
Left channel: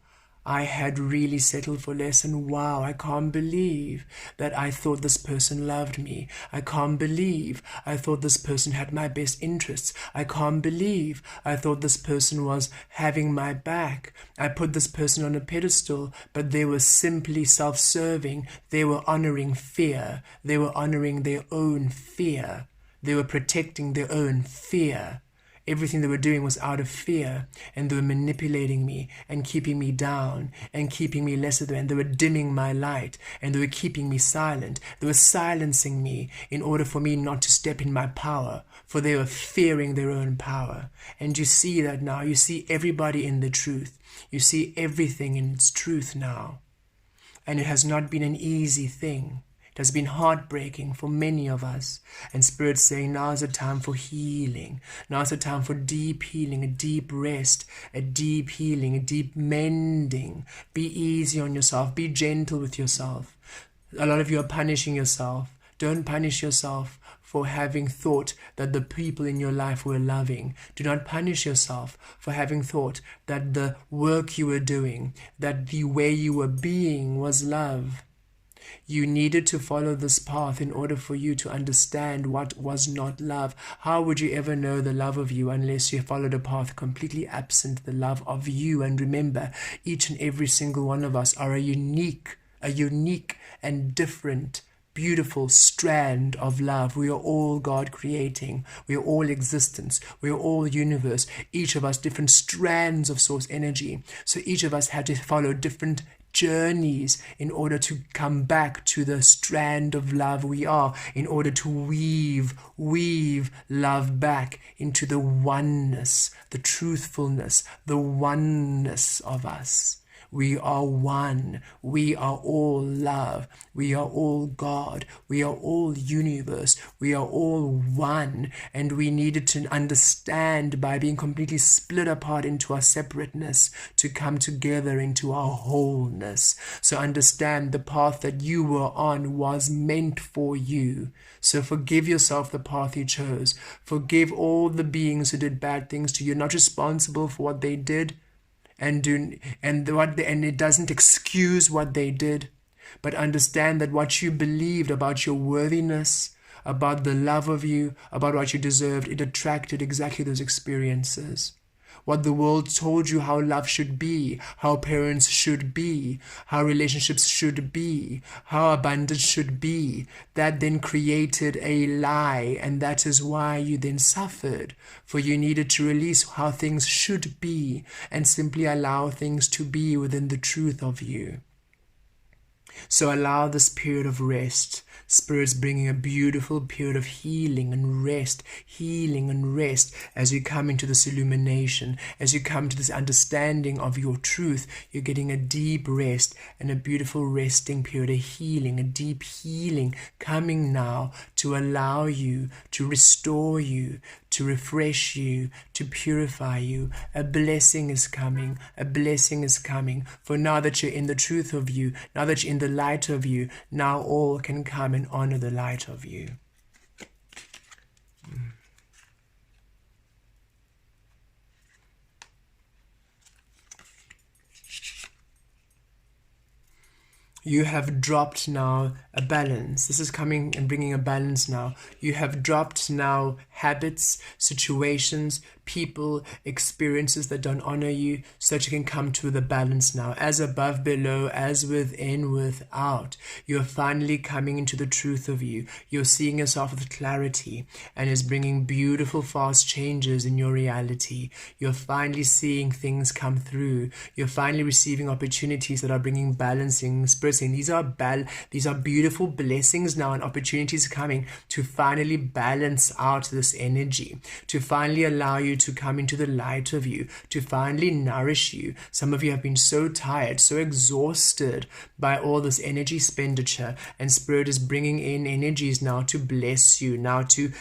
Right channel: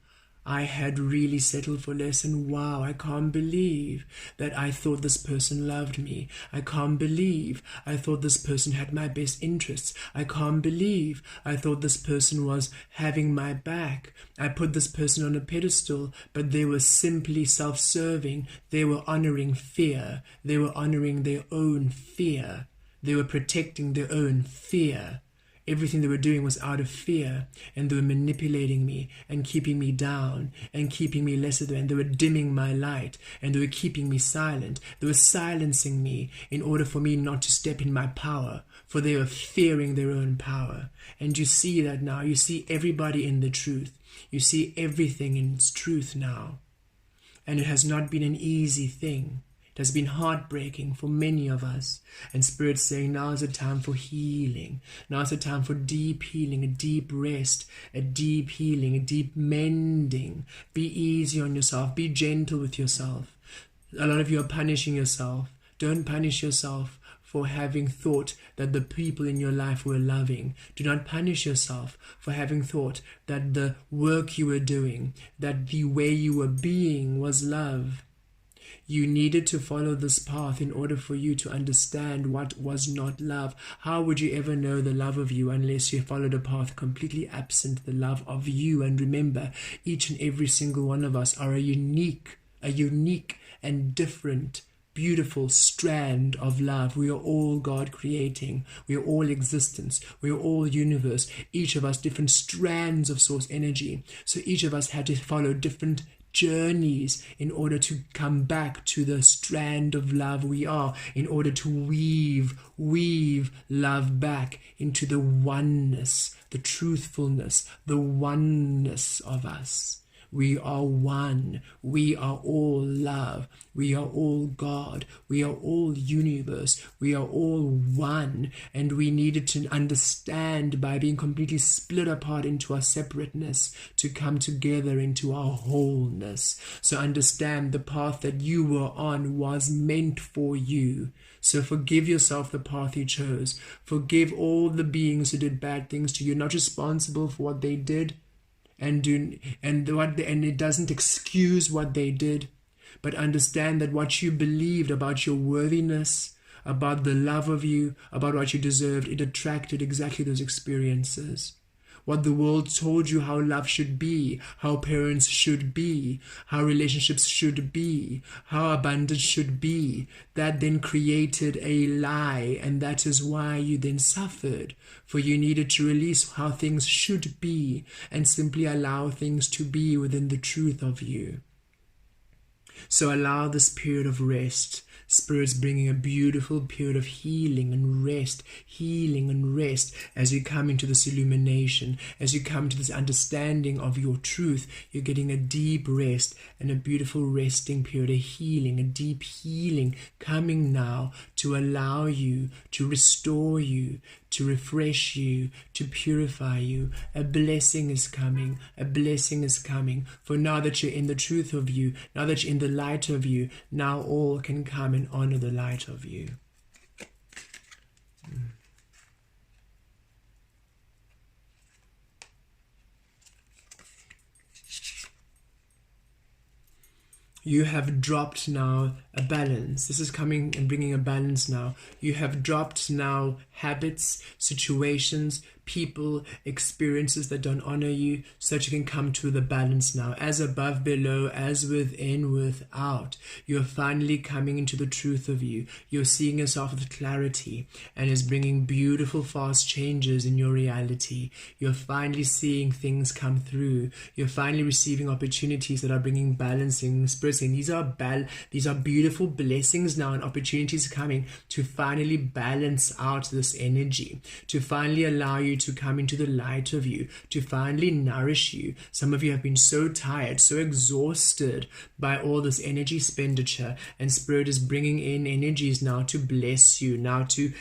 I had really settled for less, and wow, I can't believe that I thought this person loved me. I can't believe I thought this person had my best interests. I can't believe I thought this person was having my back. I put this person on a pedestal, but they were simply self-serving. They were honoring fear. They were honoring their own fear. They were protecting their own fear. Everything they were doing was out of fear, and they were manipulating me and keeping me down and keeping me lesser than. They were dimming my light, and they were keeping me silent. They were silencing me in order for me not to step in my power, for they were fearing their own power. And you see that now. You see everybody in the truth. You see everything in its truth now. And it has not been an easy thing. It has been heartbreaking for many of us. And Spirit's saying, now is the time for healing. Now is the time for deep healing, a deep rest, a deep healing, a deep mending. Be easy on yourself. Be gentle with yourself. A lot of you are punishing yourself. Don't punish yourself for having thought that the people in your life were loving. Do not punish yourself for having thought that the work you were doing, that the way you were being was love. You needed to follow this path in order for you to understand what was not love. How would you ever know the love of you unless you followed a path completely absent the love of you? And remember, each and every single one of us are a unique and different, beautiful strand of love. We are all God creating. We are all existence. We are all universe. Each of us different strands of source energy. So each of us had to follow different journeys in order to come back to the strand of love we are, in order to weave love back into the oneness, the truthfulness, the oneness of us. We are one. We are all love. We are all God. We are all universe. We are all one. And we needed to understand by being completely split apart into our separateness to come together into our wholeness. So understand the path that you were on was meant for you. So forgive yourself the path you chose. Forgive all the beings who did bad things to you. You're not responsible for what they did. And it doesn't excuse what they did, but understand that what you believed about your worthiness, about the love of you, about what you deserved, it attracted exactly those experiences. What the world told you how love should be, how parents should be, how relationships should be, how abundance should be, that then created a lie, and that is why you then suffered. For you needed to release how things should be and simply allow things to be within the truth of you. So allow this period of rest. Spirit's bringing a beautiful period of healing and rest as you come into this illumination, as you come to this understanding of your truth. You're getting a deep rest and a beautiful resting period, a healing, a deep healing coming now to allow you, to restore you, to refresh you, to purify you. A blessing is coming. A blessing is coming. For now that you're in the truth of you, now that you're in the light of you, now all can come and honor the light of you. You have dropped now a balance. This is coming and bringing a balance now. You have dropped now habits, situations, people, experiences that don't honor you, so that you can come to the balance now. As above, below, as within, without. You're finally coming into the truth of you. You're seeing yourself with clarity, and is bringing beautiful, fast changes in your reality. You're finally seeing things come through. You're finally receiving opportunities that are bringing balancing. Spirit saying these are beautiful blessings now, and opportunities coming to finally balance out this energy, to finally allow you to come into the light of you, to finally nourish you. Some of you have been so tired, so exhausted by all this energy expenditure, and Spirit is bringing in energies now to bless you, now to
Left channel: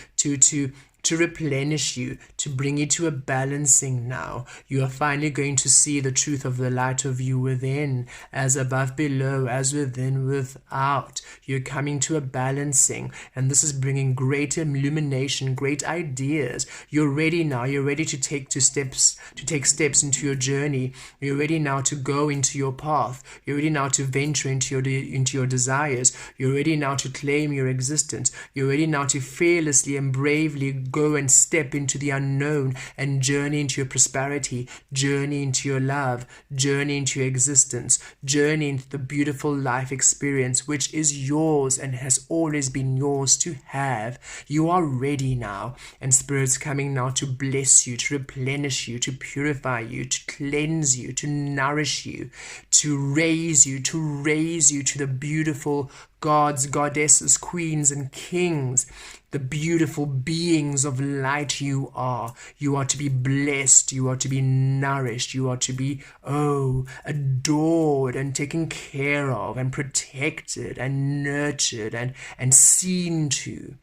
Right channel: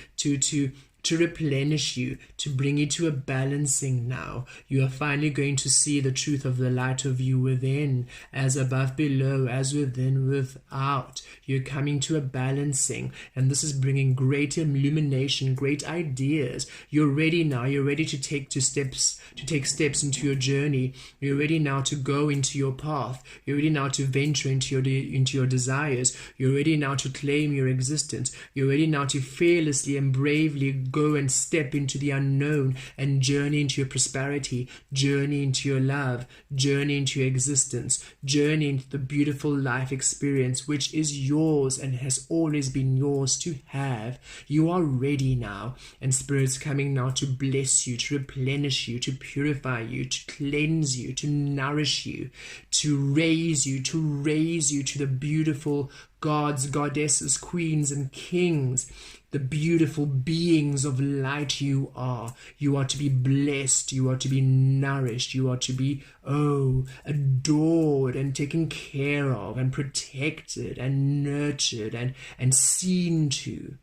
replenish you, to bring you to a balancing now. You are finally going to see the truth of the light of you within, as above below, as within without. You're coming to a balancing, and this is bringing great illumination, great ideas. You're ready now. You're ready to take steps into your journey. You're ready now to go into your path. You're ready now to venture into your desires. You're ready now to claim your existence. You're ready now to fearlessly and bravely go and step into the unknown and journey into your prosperity, journey into your love, journey into your existence, journey into the beautiful life experience which is yours and has always been yours to have. You are ready now, and Spirit's coming now to bless you, to replenish you, to purify you, to cleanse you, to nourish you, to raise you to the beautiful gods, goddesses, queens, and kings, the beautiful beings of light you are. You are to be blessed, you are to be nourished, you are to be, adored and taken care of and protected and nurtured and seen to.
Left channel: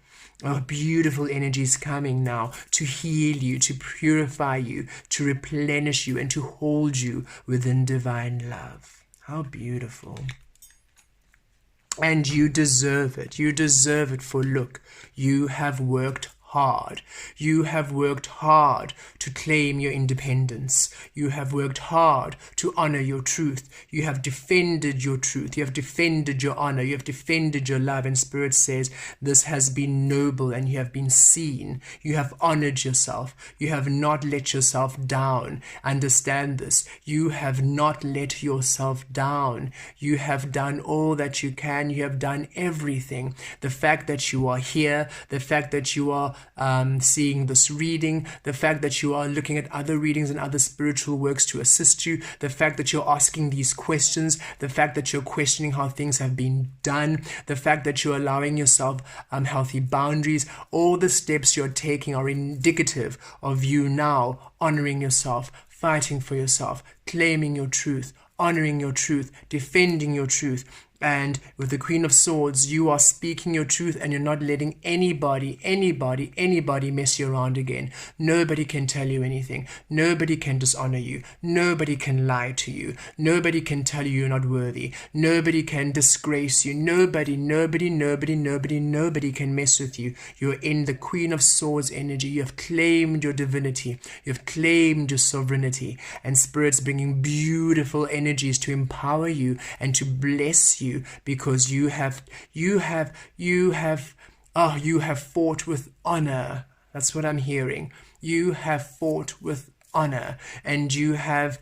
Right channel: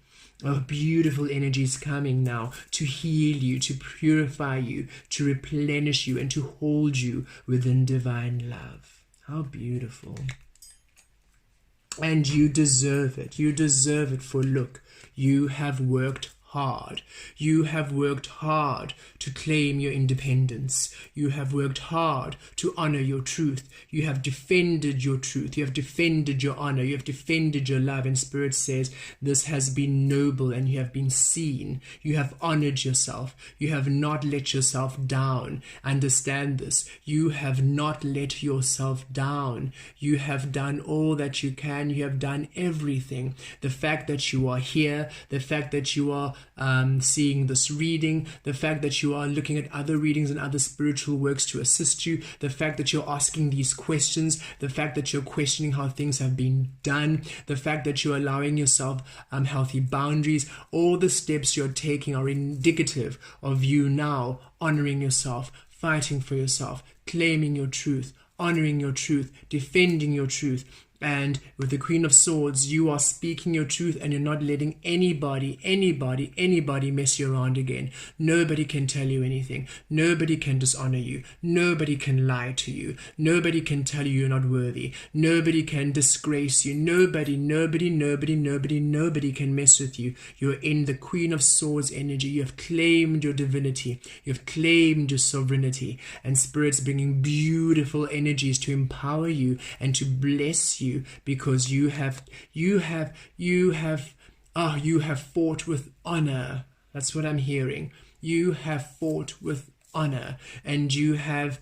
Beautiful energies coming now to heal you, to purify you, to replenish you, and to hold you within divine love. How beautiful. And you deserve it. You deserve it, for look, you have worked hard. You have worked hard to claim your independence. You have worked hard to honor your truth. You have defended your truth. You have defended your honor. You have defended your love. And Spirit says this has been noble, and you have been seen. You have honored yourself. You have not let yourself down. Understand this. You have not let yourself down. You have done all that you can. You have done everything. The fact that you are here, the fact that you are seeing this reading, the fact that you are looking at other readings and other spiritual works to assist you, the fact that you're asking these questions, the fact that you're questioning how things have been done, the fact that you're allowing yourself healthy boundaries, all the steps you're taking are indicative of you now honoring yourself, fighting for yourself, claiming your truth, honoring your truth, defending your truth. And with the Queen of Swords, you are speaking your truth, and you're not letting anybody mess you around again. Nobody can tell you anything. Nobody can dishonor you. Nobody can lie to you. Nobody can tell you you're not worthy. Nobody can disgrace you. Nobody can mess with you. You're in the Queen of Swords energy. You have claimed your divinity. You have claimed your sovereignty. And Spirit's bringing beautiful energies to empower you and to bless you, because you have fought with honor. That's what I'm hearing. You have fought with honor, and you have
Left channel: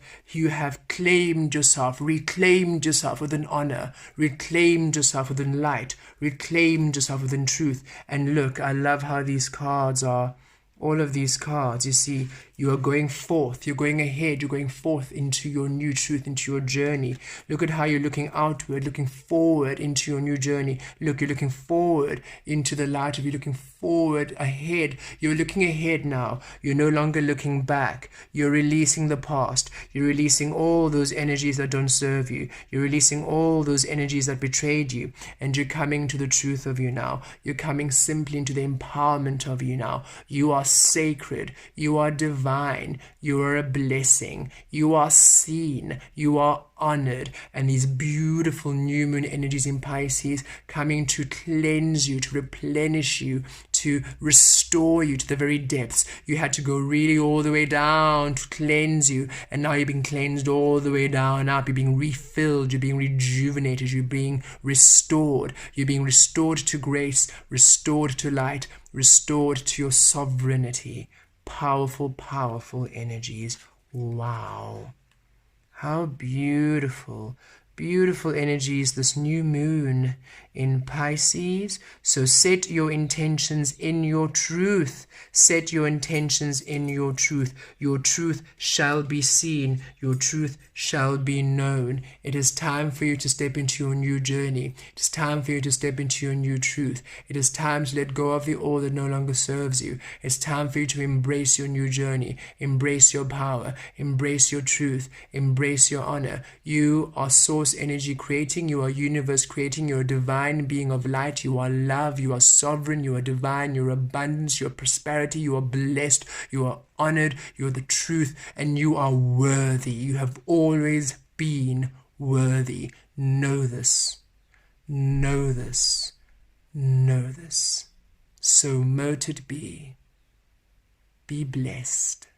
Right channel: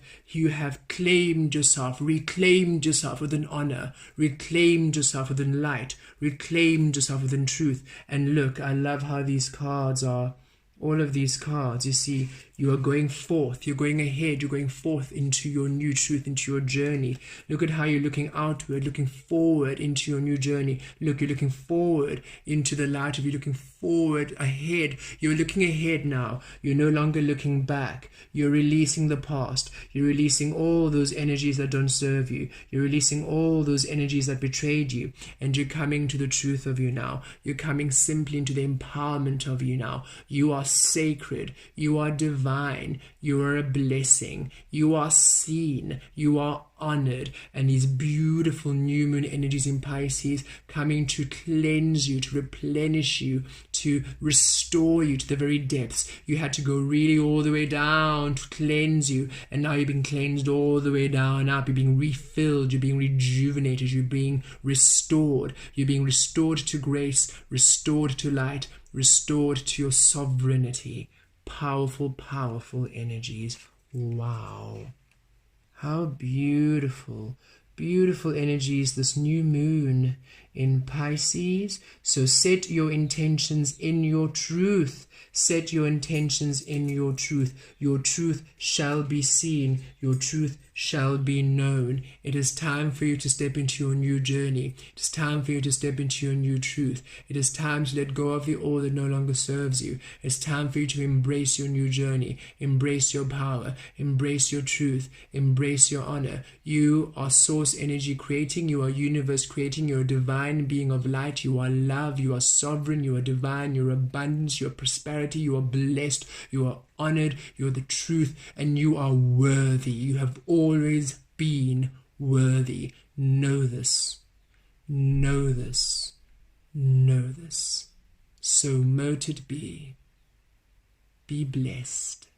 claimed yourself, reclaimed yourself within honor, reclaimed yourself within light, reclaimed yourself within truth. And look, I love how these cards are. All of these cards, you see, you are going forth, you're going ahead, you're going forth into your new truth, into your journey. Look at how you're looking outward, looking forward into your new journey. Look, you're looking forward into the light of you, looking forward ahead. You're looking ahead now. You're no longer looking back. You're releasing the past. You're releasing all those energies that don't serve you. You're releasing all those energies that betrayed you. And you're coming to the truth of you now. You're coming simply into the empowerment of you now. You are sacred. You are divine. You are a blessing. You are seen. You are honored. And these beautiful new moon energies in Pisces coming to cleanse you, to replenish you, to restore you to the very depths. You had to go really all the way down to cleanse you, and now you're being cleansed all the way down up. You're being refilled, you're being rejuvenated, you're being restored. You're being restored to grace, restored to light, restored to your sovereignty. Powerful, powerful energies. Wow. How beautiful beautiful energies, this new moon in Pisces. So set your intentions in your truth. Set your intentions in your truth. Your truth shall be seen. Your truth shall be known. It is time for you to step into your new journey. It is time for you to step into your new truth. It is time to let go of the all that no longer serves you. It's time for you to embrace your new journey. Embrace your power. Embrace your truth. Embrace your honor. You are source energy creating. You are universe creating. You are a divine being of light. You are love. You are sovereign. You are divine. You are abundance. You are prosperity. You are blessed. You are honored. You are the truth. And you are worthy. You have always been worthy. Know this. Know this. Know this. So mote it be. Be blessed.